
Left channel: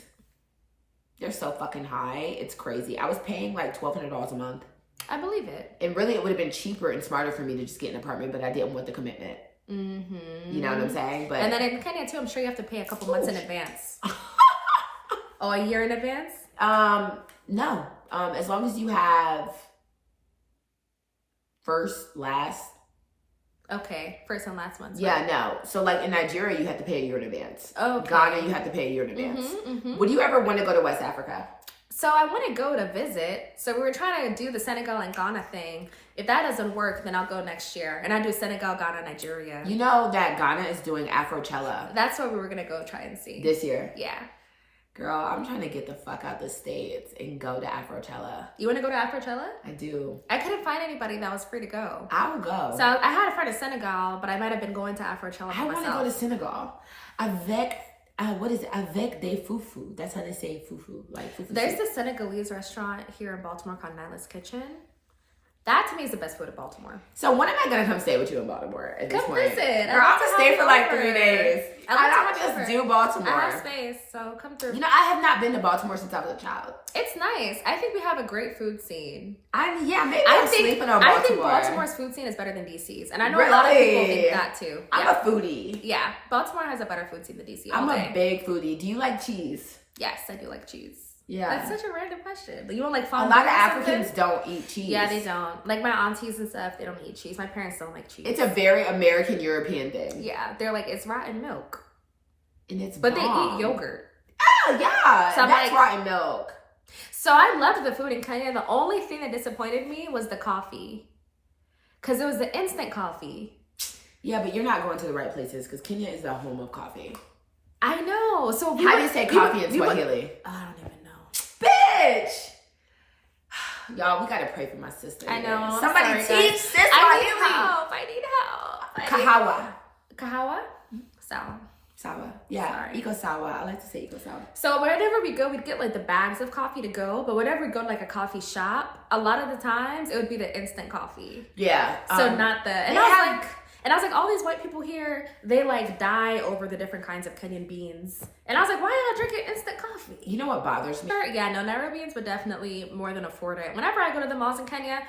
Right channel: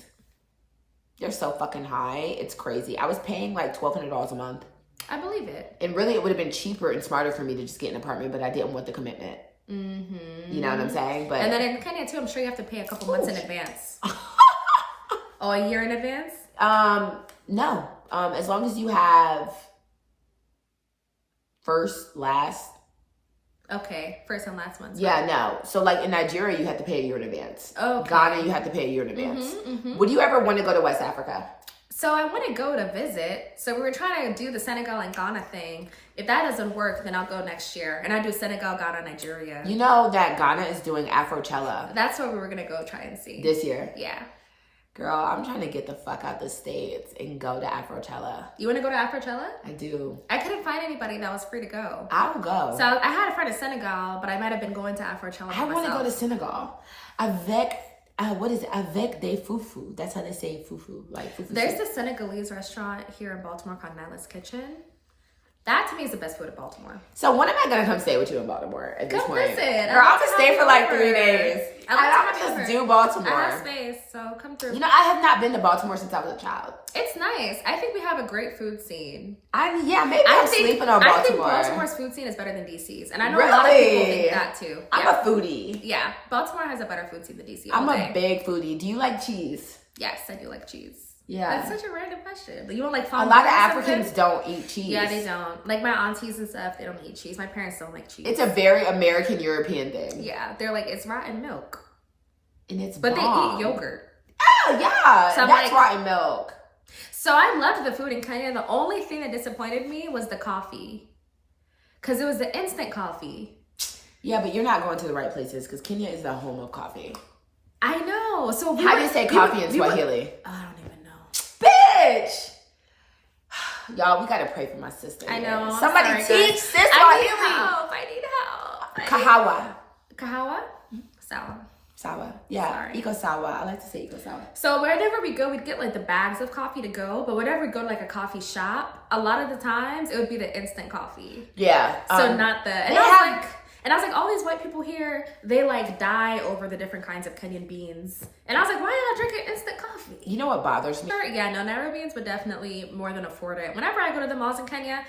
They're so fucking high. It's crazy. I was paying like $1,200 a month. I believe it. And really, it would have been cheaper and smarter for me to just get an apartment, but I didn't want the commitment. Mm-hmm. You know what I'm saying? But And then in Kenya, too, I'm sure you have to pay a couple months in advance. Oh, a year in advance? No. As long as you have first, last. Okay, first and last month. Yeah, no. So like in Nigeria, you have to pay a year in advance. Okay. Ghana, you have to pay a year in advance. Mm-hmm. Would you ever want to go to West Africa? So I want to go to visit. So we were trying to do the Senegal and Ghana thing. If that doesn't work, then I'll go next year. And I do Senegal, Ghana, Nigeria. You know that Ghana is doing Afrochella That's what we were going to go try and see. this year. Yeah. Girl, I'm trying to get the fuck out the States and go to Afrochella. You want to go to Afrochella? I do. I couldn't find anybody that was free to go. I will go. So I had a friend in Senegal, but I might have been going to Afrochella I want to go to myself. Senegal. What is it? Avec des fufu. That's how they say fufu. Like fufu. There's soup. this Senegalese restaurant here in Baltimore called Nyla's Kitchen. That to me is the best food in Baltimore. So when am I gonna come stay with you in Baltimore at this Come point? visit. Girl, I'm I'd love gonna to stay have for you like over. 3 days. I'd love to I'm have you just over. do Baltimore. I have space, so come through. You know, I have not been to Baltimore since I was a child. It's nice. I think we have a great food scene. Maybe I'm sleeping on Baltimore. I think Baltimore's food scene is better than DC's, and I know a lot of people think that too. I'm Yeah. a foodie. Yeah, Baltimore has a better food scene than DC. I'm all a day. big foodie. Do you like cheese? Yes, I do like cheese. Yeah. That's such a random question. But you don't like A fondue lot of or Africans something? don't eat cheese. Yeah, they don't. Like my aunties and stuff, they don't eat cheese. My parents don't like cheese. It's a very American European thing. Yeah, they're like, it's rotten milk. And it's But bomb. they eat yogurt. Oh, yeah. So I'm that's like- rotten milk. So I loved the food in Kenya. The only thing that disappointed me was the coffee. Because it was the instant coffee. Yeah, but you're not going to the right places because Kenya is the home of coffee. I know. So How do you say coffee in Swahili? I don't even know. Bitch! Y'all, we gotta pray for my sister. I know. I'm Somebody sorry, teach guys. this I need help. Kahawa. Kahawa? Sour. Sawa. Yeah. Sorry. Iko sawa. I like to say iko sawa. So wherever we go, we'd get like the bags of coffee to go. But whenever we go to like a coffee shop, a lot of the times it would be the instant coffee. Yeah. So not the. And I was like, all these white people here, they like die over the different kinds of Kenyan beans. And I was like, why not drink an instant coffee? You know what bothers me? Yeah, no, Nairobians would definitely more than afford it. Whenever I go to the malls in Kenya,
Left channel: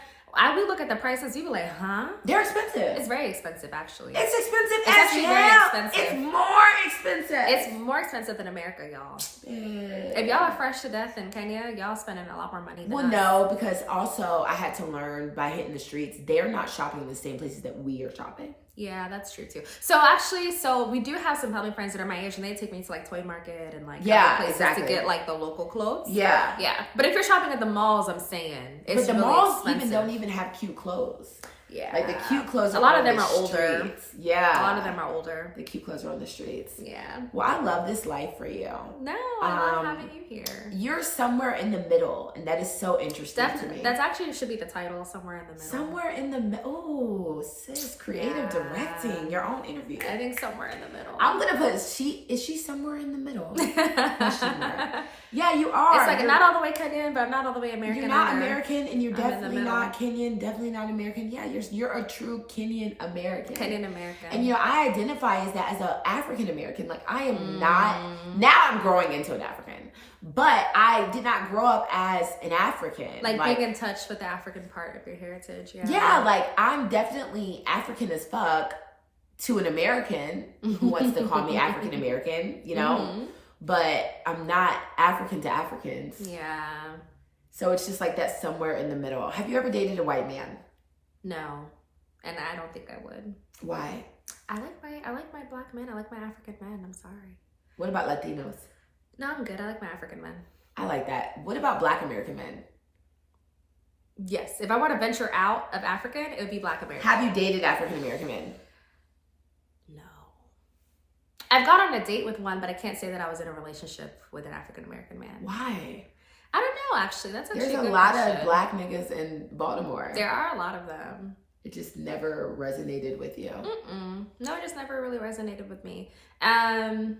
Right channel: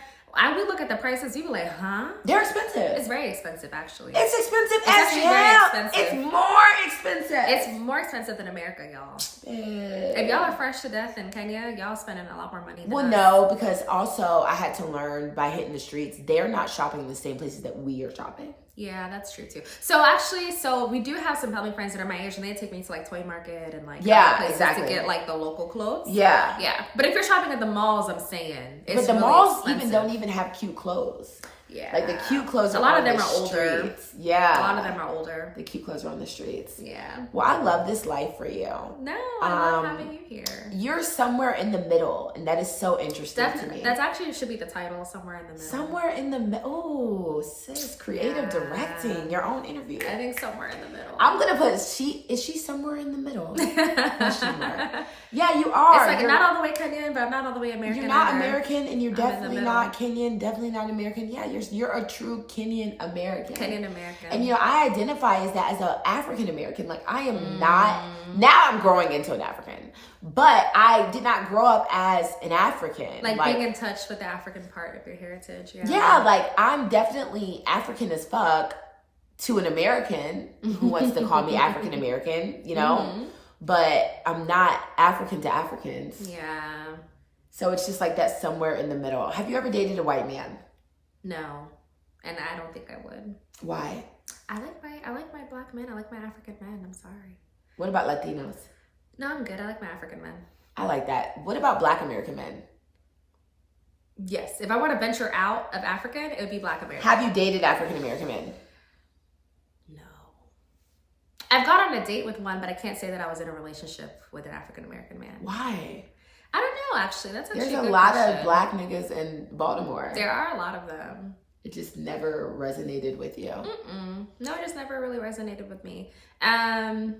we look at the prices, we be like, huh? They're expensive. It's very expensive, actually. It's expensive It's as actually very hell. expensive. It's more expensive. It's more expensive than America, y'all. If y'all are fresh to death in Kenya, y'all spending a lot more money than us. no, because also I had to learn by hitting the streets, they're not shopping in the same places that we are shopping. Yeah, that's true too. So actually, we do have some family friends that are my age, and they take me to like Toy Market and like Yeah, other places exactly. to get like the local clothes. Yeah. But if you're shopping at the malls, I'm saying, it's But the really malls expensive. don't even have cute clothes. Yeah. Like the cute clothes. A lot of them are older. Streets. Yeah. A lot of them are older. The cute clothes are on the streets. Yeah. Well, I love this life for you. No, I love having you here. You're somewhere in the middle, and that is so interesting to me. That's actually should be the title, somewhere in the middle. Somewhere in the middle. Oh, sis, creative directing, your own interview. I think somewhere in the middle. I'm gonna put is she somewhere in the middle? Question mark. Yeah, you are. It's like not all the way Kenyan, but I'm not all the way American. You're not either. American, and you're definitely not Kenyan. Definitely not American. Yeah, you're a true Kenyan American. Kenyan American. And you know, I identify as that as an African American. Like I am not. Now I'm growing into an African, but I did not grow up as an African. Like being in touch with the African part of your heritage. Yeah. Yeah, like I'm definitely African as fuck to an American who wants to call me African American. You know. But I'm not African to Africans. Yeah. So it's just like that somewhere in the middle. Have you ever dated a white man? No. And I don't think I would. Why? I like my black men. I like my African men. I'm sorry. What about Latinos? No, I'm good. I like my African men. I like that. What about Black American men? Yes. If I want to venture out of African, it would be Black American. Have you dated African American men? No. I've gone on a date with one, but I can't say that I was in a relationship with an African American man. Why? I don't know, actually. That's There's a good lot question. of black niggas in Baltimore. There are a lot of them. It just never resonated with you. No, it just never really resonated with me. And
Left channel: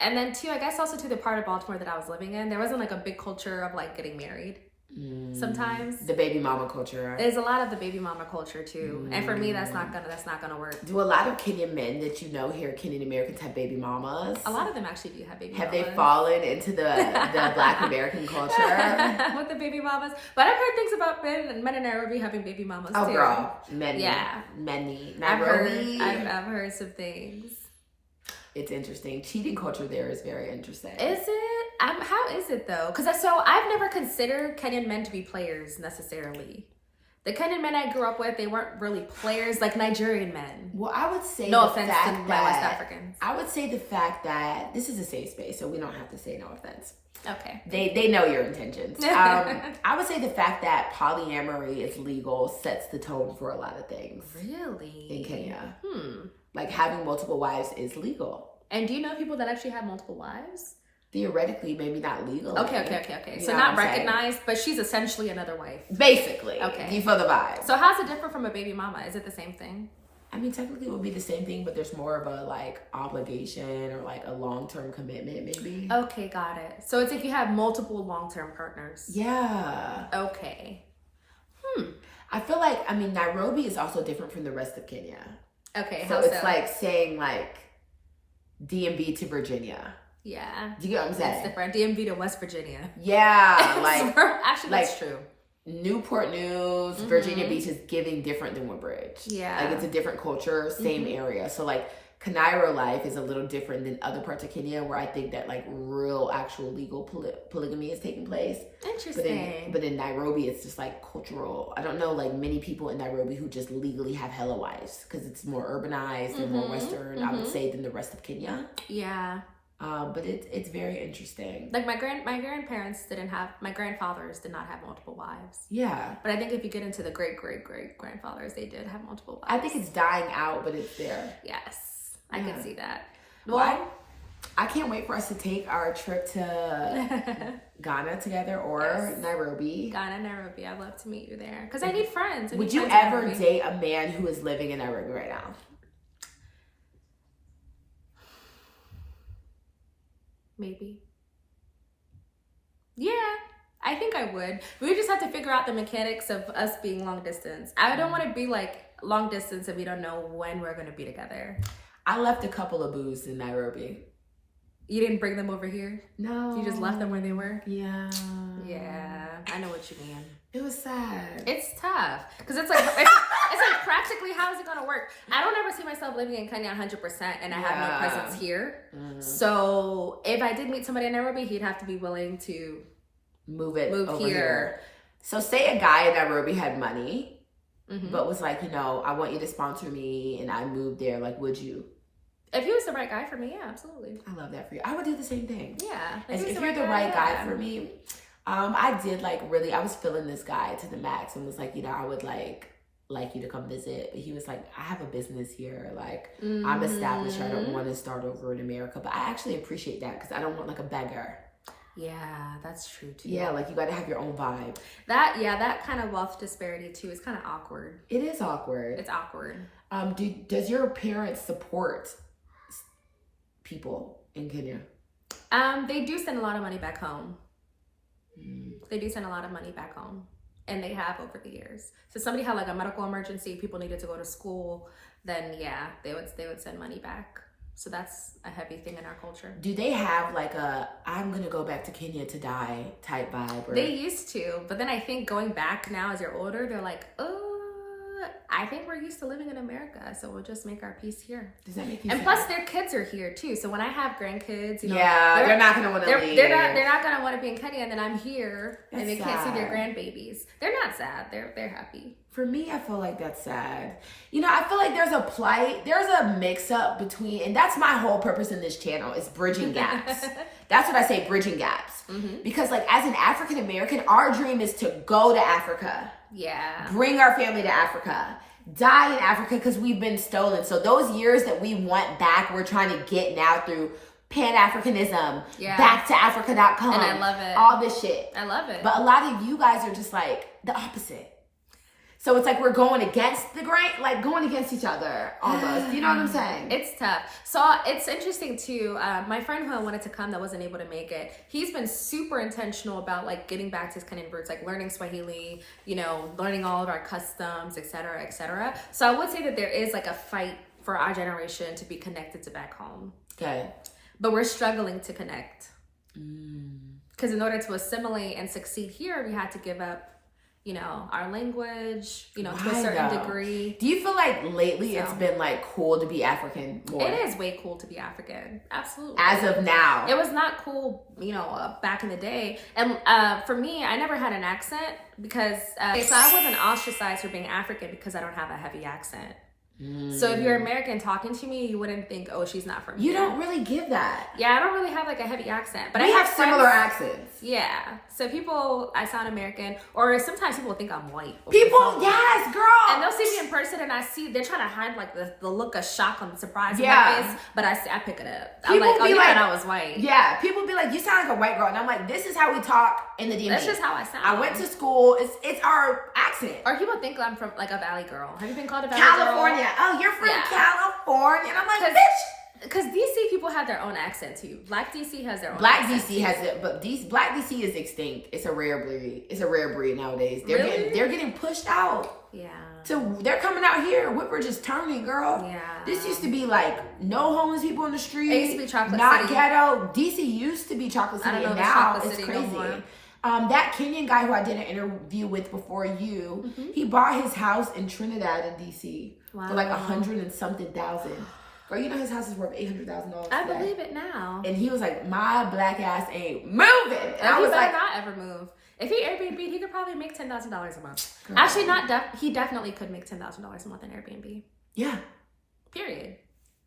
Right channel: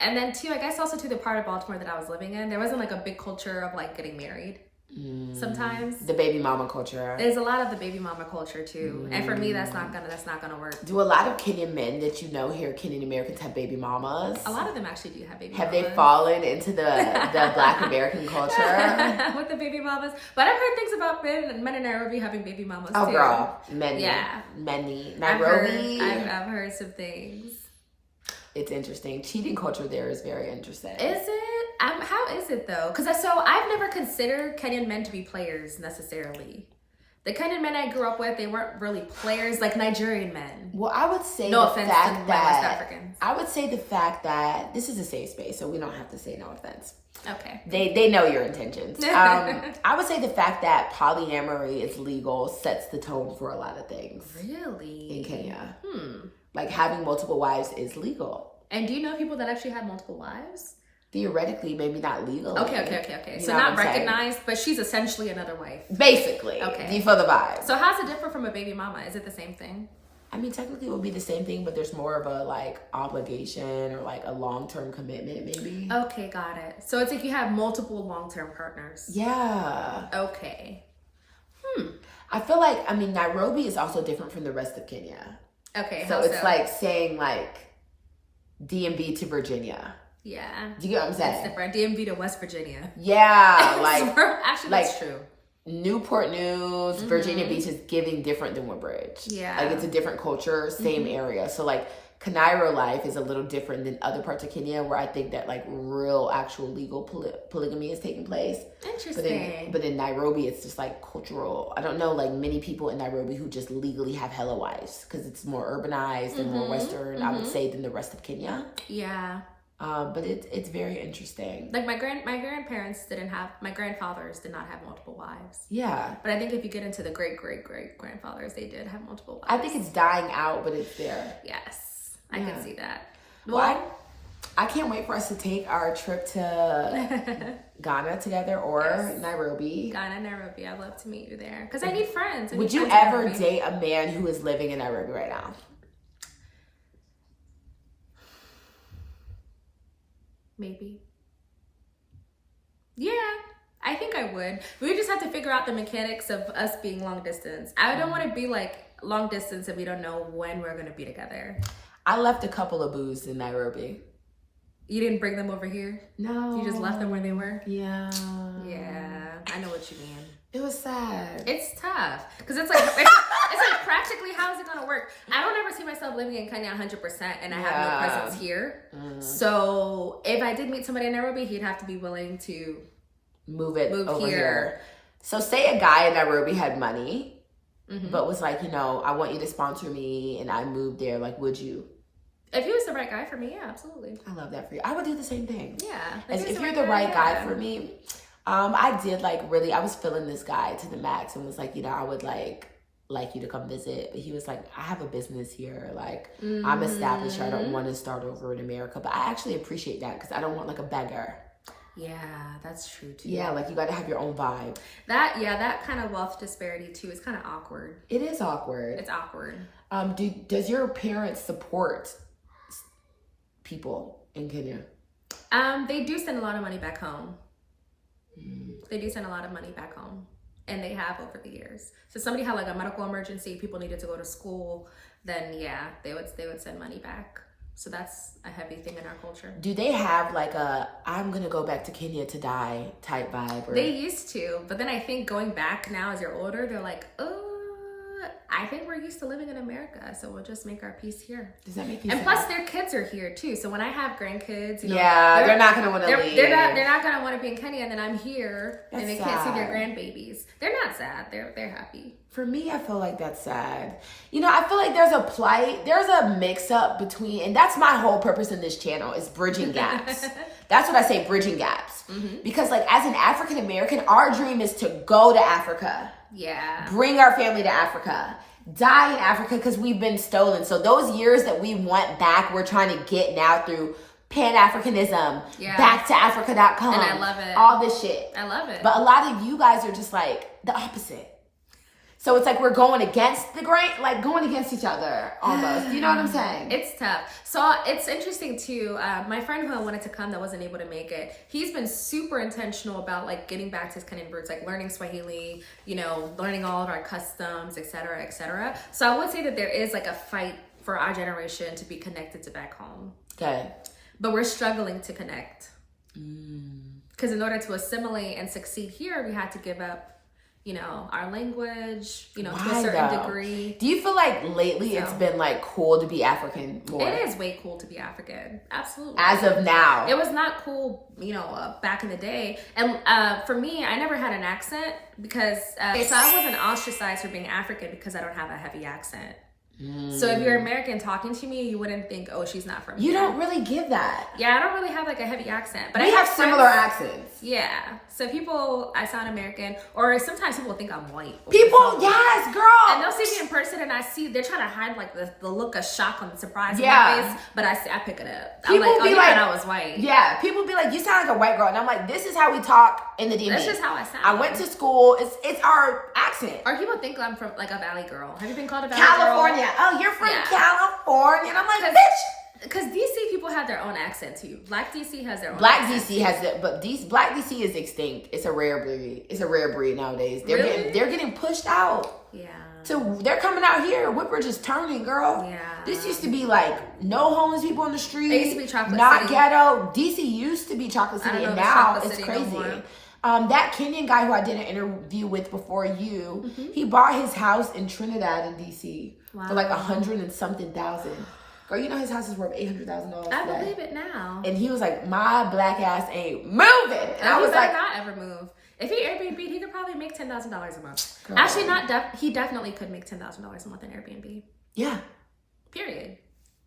then too, I guess also to the part of Baltimore that I was living in, there wasn't like a big culture of like getting married. Sometimes the baby mama culture. There's a lot of the baby mama culture too, and for me, that's not gonna work. Do a lot of Kenyan men that you know here, Kenyan Americans, have baby mamas? A lot of them actually do have baby mamas. Have they fallen into the Black American culture with the baby mamas? But I've heard things about men in Nairobi having baby mamas too. Girl, many. Nairobi. I've heard some things. It's interesting. Cheating culture there is very interesting. Is it? How is it though? Because I've never considered Kenyan men to be players necessarily. The Kenyan men I grew up with, they weren't really players like Nigerian men. Well, I would say no offense to my West Africans. I would say the fact that this is a safe space, so we don't have to say no offense. Okay. They know your intentions. I would say the fact that polyamory is legal sets the tone for a lot of things. Really? In Kenya. Like having multiple wives is legal. And do you know people that actually have multiple wives? Theoretically, maybe not legal. Okay. So not recognized, but she's essentially another wife. Basically. Okay. Do you feel the vibe? So how's it different from a baby mama? Is it the same thing? I mean, technically it would be the same thing, but there's more of a like obligation or like a long-term commitment maybe. Okay, got it. So it's if you have multiple long-term partners. Yeah. Okay. I feel like, I mean, Nairobi is also different from the rest of Kenya. Okay. So it's like saying like DMV to Virginia. Yeah. Do you get what I'm saying? It's different. DMV to West Virginia. Yeah. Like, actually, that's true. Newport News, Virginia Beach is giving different than Woodbridge. Yeah. Like it's a different culture, same area. So like Kanairo life is a little different than other parts of Kenya where I think that like real actual legal polygamy is taking place. Interesting. But in Nairobi, it's just like cultural. I don't know like many people in Nairobi who just legally have hella wives because it's more urbanized and more Western, I would say, than the rest of Kenya. Yeah. But it's very interesting. Like my grandfathers did not have multiple wives. Yeah. But I think if you get into the great grandfathers, they did have multiple wives. I think it's dying out, but it's there. Yes. I can see that. Well, I can't wait for us to take our trip to Ghana together or Nairobi. Ghana, Nairobi. I'd love to meet you there because I need friends. Would you ever date a man who is living in Nairobi right now? Maybe. Yeah, I think I would. We just have to figure out the mechanics of us being long distance. I don't want to be like long distance if we don't know when we're going to be together. I left a couple of boos in Nairobi. You didn't bring them over here? No. You just left them where they were? Yeah. Yeah, I know what you mean. It was sad. It's tough because it's like like practically how is it gonna work? I don't ever see myself living in Kenya 100%, and I have no presence here. So if I did meet somebody in Nairobi, he'd have to be willing to move over here. So say a guy in Nairobi had money, but was like, you know, I want you to sponsor me, and I moved there. Like, would you? If he was the right guy for me, yeah, absolutely. I love that for you. I would do the same thing. Yeah. If you're the right guy for me. I did like really, I was feeling this guy to the max and was like, you know, I would like like you to come visit. But he was like, I have a business here. Like, I'm established. I don't want to start over in America. But I actually appreciate that because I don't want like a beggar. Yeah, that's true too. Yeah, like you got to have your own vibe. That kind of wealth disparity too is kind of awkward. It is awkward. It's awkward. Does your parents support people in Kenya? They do send a lot of money back home. They do send a lot of money back home, and they have over the years. So if somebody had like a medical emergency, people needed to go to school, then yeah, they would send money back. So that's a heavy thing in our culture. Do they have like a I'm gonna go back to Kenya to die type vibe? Or... They used to, but then I think going back now as you're older, they're like, I think we're used to living in America, so we'll just make our peace here. Does that make you And sad? plus, their kids are here too. So when I have grandkids, you know, they're not gonna want to leave. They're not gonna want to be in Kenya, and then I'm here, and they can't see their sad. grandbabies. They're not sad. They're happy. For me, I feel like that's sad. You know, I feel like there's a plight, there's a mix-up between, and that's my whole purpose in this channel is bridging gaps. That's what I say, bridging gaps. Because like as an African American, our dream is to go to Africa. Yeah. Bring our family to Africa. Die in Africa because we've been stolen. So those years that we want back, we're trying to get now through Pan-Africanism, back to Africa.com. And I love it. All this shit. I love it. But a lot of you guys are just like the opposite. So it's like we're going against the grain, like going against each other almost. You know what I'm saying? It's tough. So it's interesting too. My friend who wanted to come that wasn't able to make it, he's been super intentional about like getting back to his Kenyan roots, like learning Swahili, you know, learning all of our customs, et cetera, et cetera. So I would say that there is like a fight for our generation to be connected to back home. Okay. But we're struggling to connect. Because in order to assimilate and succeed here, we had to give up, you know, our language, you know, to a certain degree. Do you feel like lately it's been like cool to be African more? It is way cool to be African. Absolutely. As of now. It was not cool, you know, back in the day. And for me, I never had an accent because, so I wasn't ostracized for being African because I don't have a heavy accent. So if you're American talking to me, you wouldn't think, oh, she's not from here. You don't really give that. Yeah, I don't really have like a heavy accent. But We I have similar accents. Yeah. So I sound American, or sometimes people think I'm white. People, yes, girl. And they'll see me in person and they're trying to hide like the look of shock and surprise in my face, but I pick it up. I'm like, oh, you thought I was white. Yeah, people be like, you sound like a white girl. And I'm like, this is how we talk in the DMV. This is how I sound. I went to school. It's our accent. Or people think I'm from like a valley girl. Have you been called a valley California. girl? Oh, you're from Yeah. California. And I'm like, bitch. Because DC people have their own accent too. Black DC has their own Black accent. DC has it, but Black DC is extinct. It's a rare breed. It's a rare breed nowadays. Really? They're getting pushed out. Yeah. They're coming out here. We're just turning, girl. Yeah. This used to be like no homeless people in the street. It used to be Chocolate not City. ghetto. DC used to be Chocolate City, I don't know and if it's now Chocolate it's City crazy. no more. That Kenyan guy who I did an interview with before you, he bought his house in Trinidad in DC for like 100 and something thousand. Girl, you know his house is worth $800,000. I believe it now. And he was like, my black ass ain't moving. And I he was better like, not ever move. If he Airbnb, he could probably make $10,000 a month. Girl. Actually, he definitely could make $10,000 a month in Airbnb. yeah. Period.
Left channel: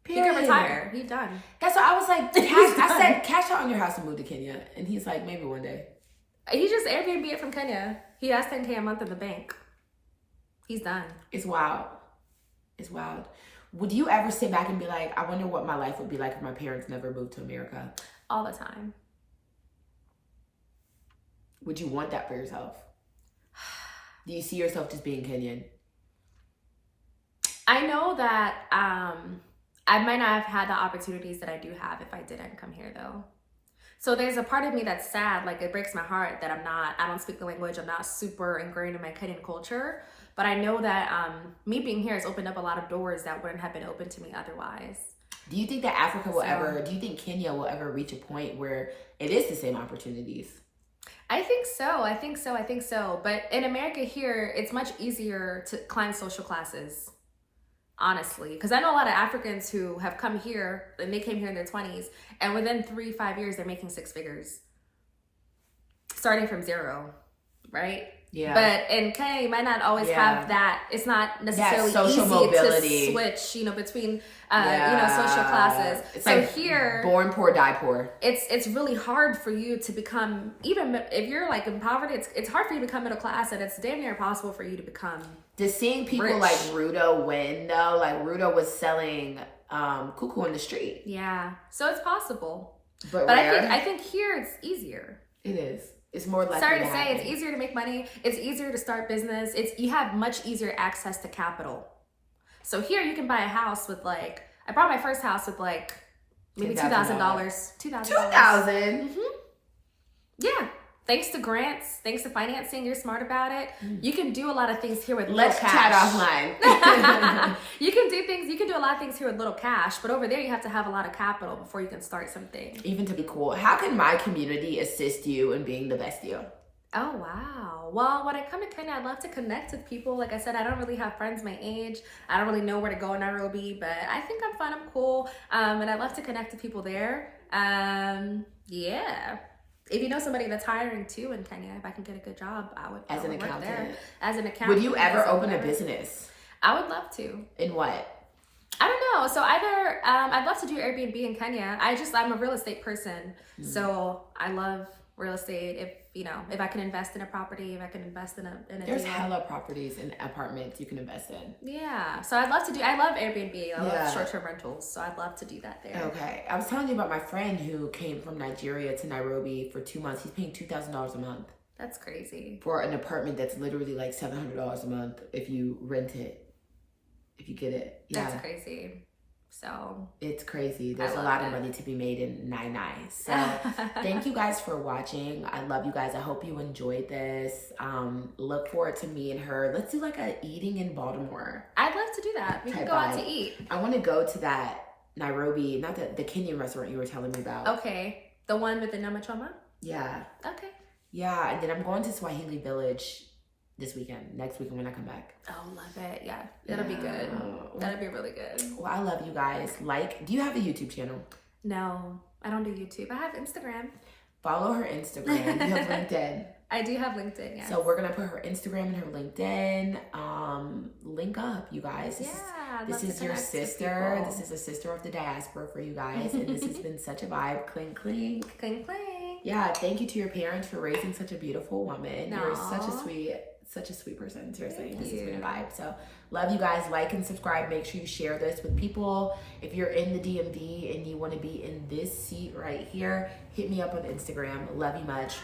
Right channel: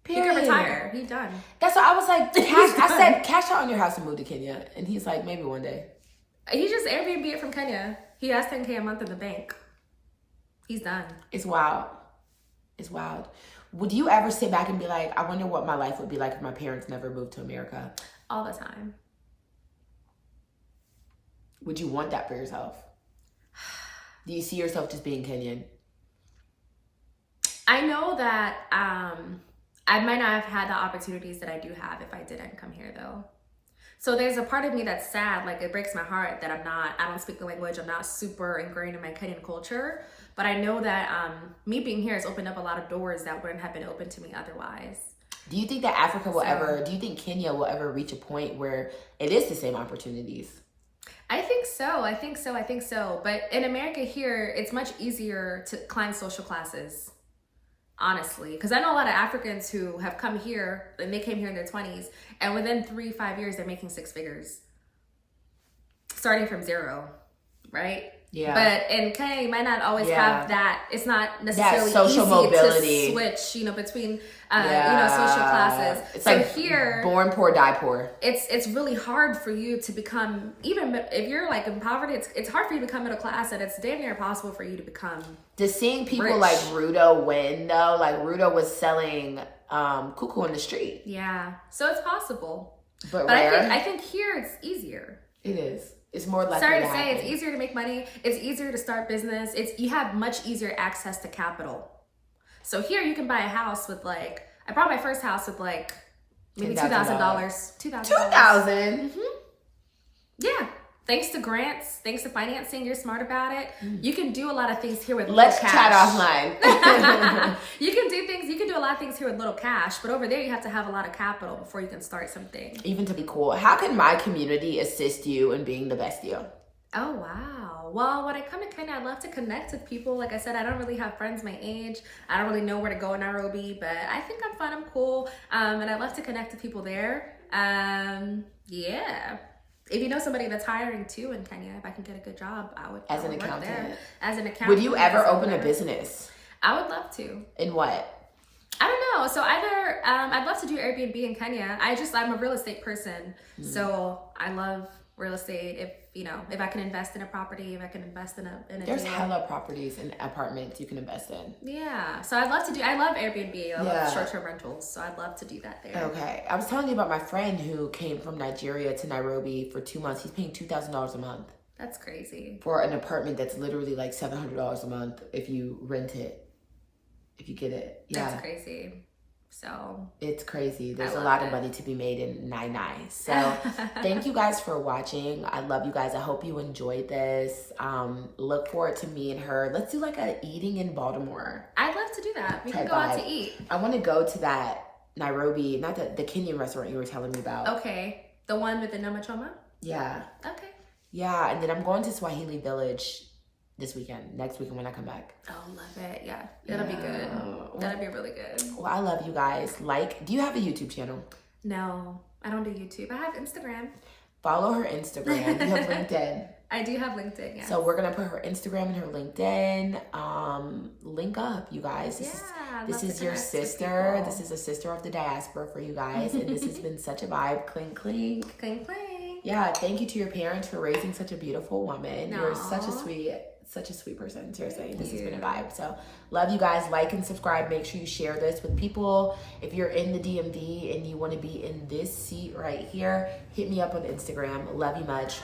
He could retire. He's done. That's what I was like. I said, cash out on your house and move to Kenya. And he's like, maybe one day. He just Airbnb it from Kenya. He has $10K a month in the bank. He's done. It's wild. It's wild. Would you ever sit back and be like, I wonder what my life would be like if my parents never moved to America? All the time. Would you want that for yourself? Do you see yourself just being Kenyan? I know that I might not have had the opportunities that I do have if I didn't come here though. So there's a part of me that's sad, like it breaks my heart that I don't speak the language, I'm not super ingrained in my Kenyan culture. But I know that me being here has opened up a lot of doors that wouldn't have been open to me otherwise. Do you think that Africa will do you think Kenya will ever reach a point where it is the same opportunities? I think so. But in America here, it's much easier to climb social classes, honestly. Because I know a lot of Africans who have come here, and they came here in their 20s, and within 3-5 years, they're making 6 figures. Starting from zero, right? Yeah. But in Kenya, you might not always have that. It's not necessarily that social easy mobility to switch, between social classes. It's so like here, born poor, die poor. It's really hard for you to become, even if you're like in poverty, it's hard for you to become middle class, and it's damn near impossible for you to become Just seeing people rich. like Rudo win though, like Rudo was selling cuckoo in the street. Yeah, so it's possible. But I think here it's easier. It is. It's more likely Sorry to to say, happen. it's easier to make money. It's easier to start business. You have much easier access to capital. So here you can buy a house with like, I bought my first house with like maybe $2,000. $2,000. Yeah. Thanks to grants, thanks to financing, you're smart about it. You can do a lot of things here with Let's little chat cash. offline. You can do a lot of things here with little cash, but over there you have to have a lot of capital before you can start something. Even to be cool. How can my community assist you in being the best you? Oh, wow. Well, when I come to Kenya, I love to connect with people. Like I said, I don't really have friends my age. I don't really know where to go in Nairobi, but I think I'm fun, I'm cool. And I love to connect with people there. Yeah. If you know somebody that's hiring too in Kenya, if I can get a good job, I would As an work accountant. there. As an accountant. Would you ever open a business? I would love to. In what? I don't know. So either I'd love to do Airbnb in Kenya. I'm a real estate person, so I love real estate. If I can invest in a property, if I can invest in a There's deal. hella properties and apartments you can invest in. Yeah. So I love Airbnb. I love short-term rentals. So I'd love to do that there. Okay. I was telling you about my friend who came from Nigeria to Nairobi for 2 months. He's paying $2,000 a month. That's crazy. For an apartment that's literally like $700 a month if you rent it. If you get it. Yeah. That's crazy. So it's crazy. There's a love lot it. of money to be made in Nai. So thank you guys for watching. I love you guys. I hope you enjoyed this. Look forward to me and her. Let's do like a eating in Baltimore. I'd love to do that. We can go out to eat. I want to go to that Nairobi, not the Kenyan restaurant you were telling me about. Okay. The one with the namachoma? Yeah. Okay. Yeah, and then I'm going to Swahili Village next weekend when I come back. Oh, love it. Yeah. That'll be good. That'll be really good. Well, I love you guys. Do you have a YouTube channel? No, I don't do YouTube. I have Instagram. Follow her Instagram. You have LinkedIn. I do have LinkedIn, yeah. So we're going to put her Instagram and her LinkedIn. Link up, you guys. This is your sister. This is a sister of the diaspora for you guys. And this has been such a vibe. Clink, clink. Clink, clink. Yeah, thank you to your parents for raising such a beautiful woman. Aww. You're such a sweet person. Seriously, this has been a vibe. So love you guys. Like and subscribe. Make sure you share this with people. If you're in the DMV and you want to be in this seat right here, hit me up on Instagram. Love you much.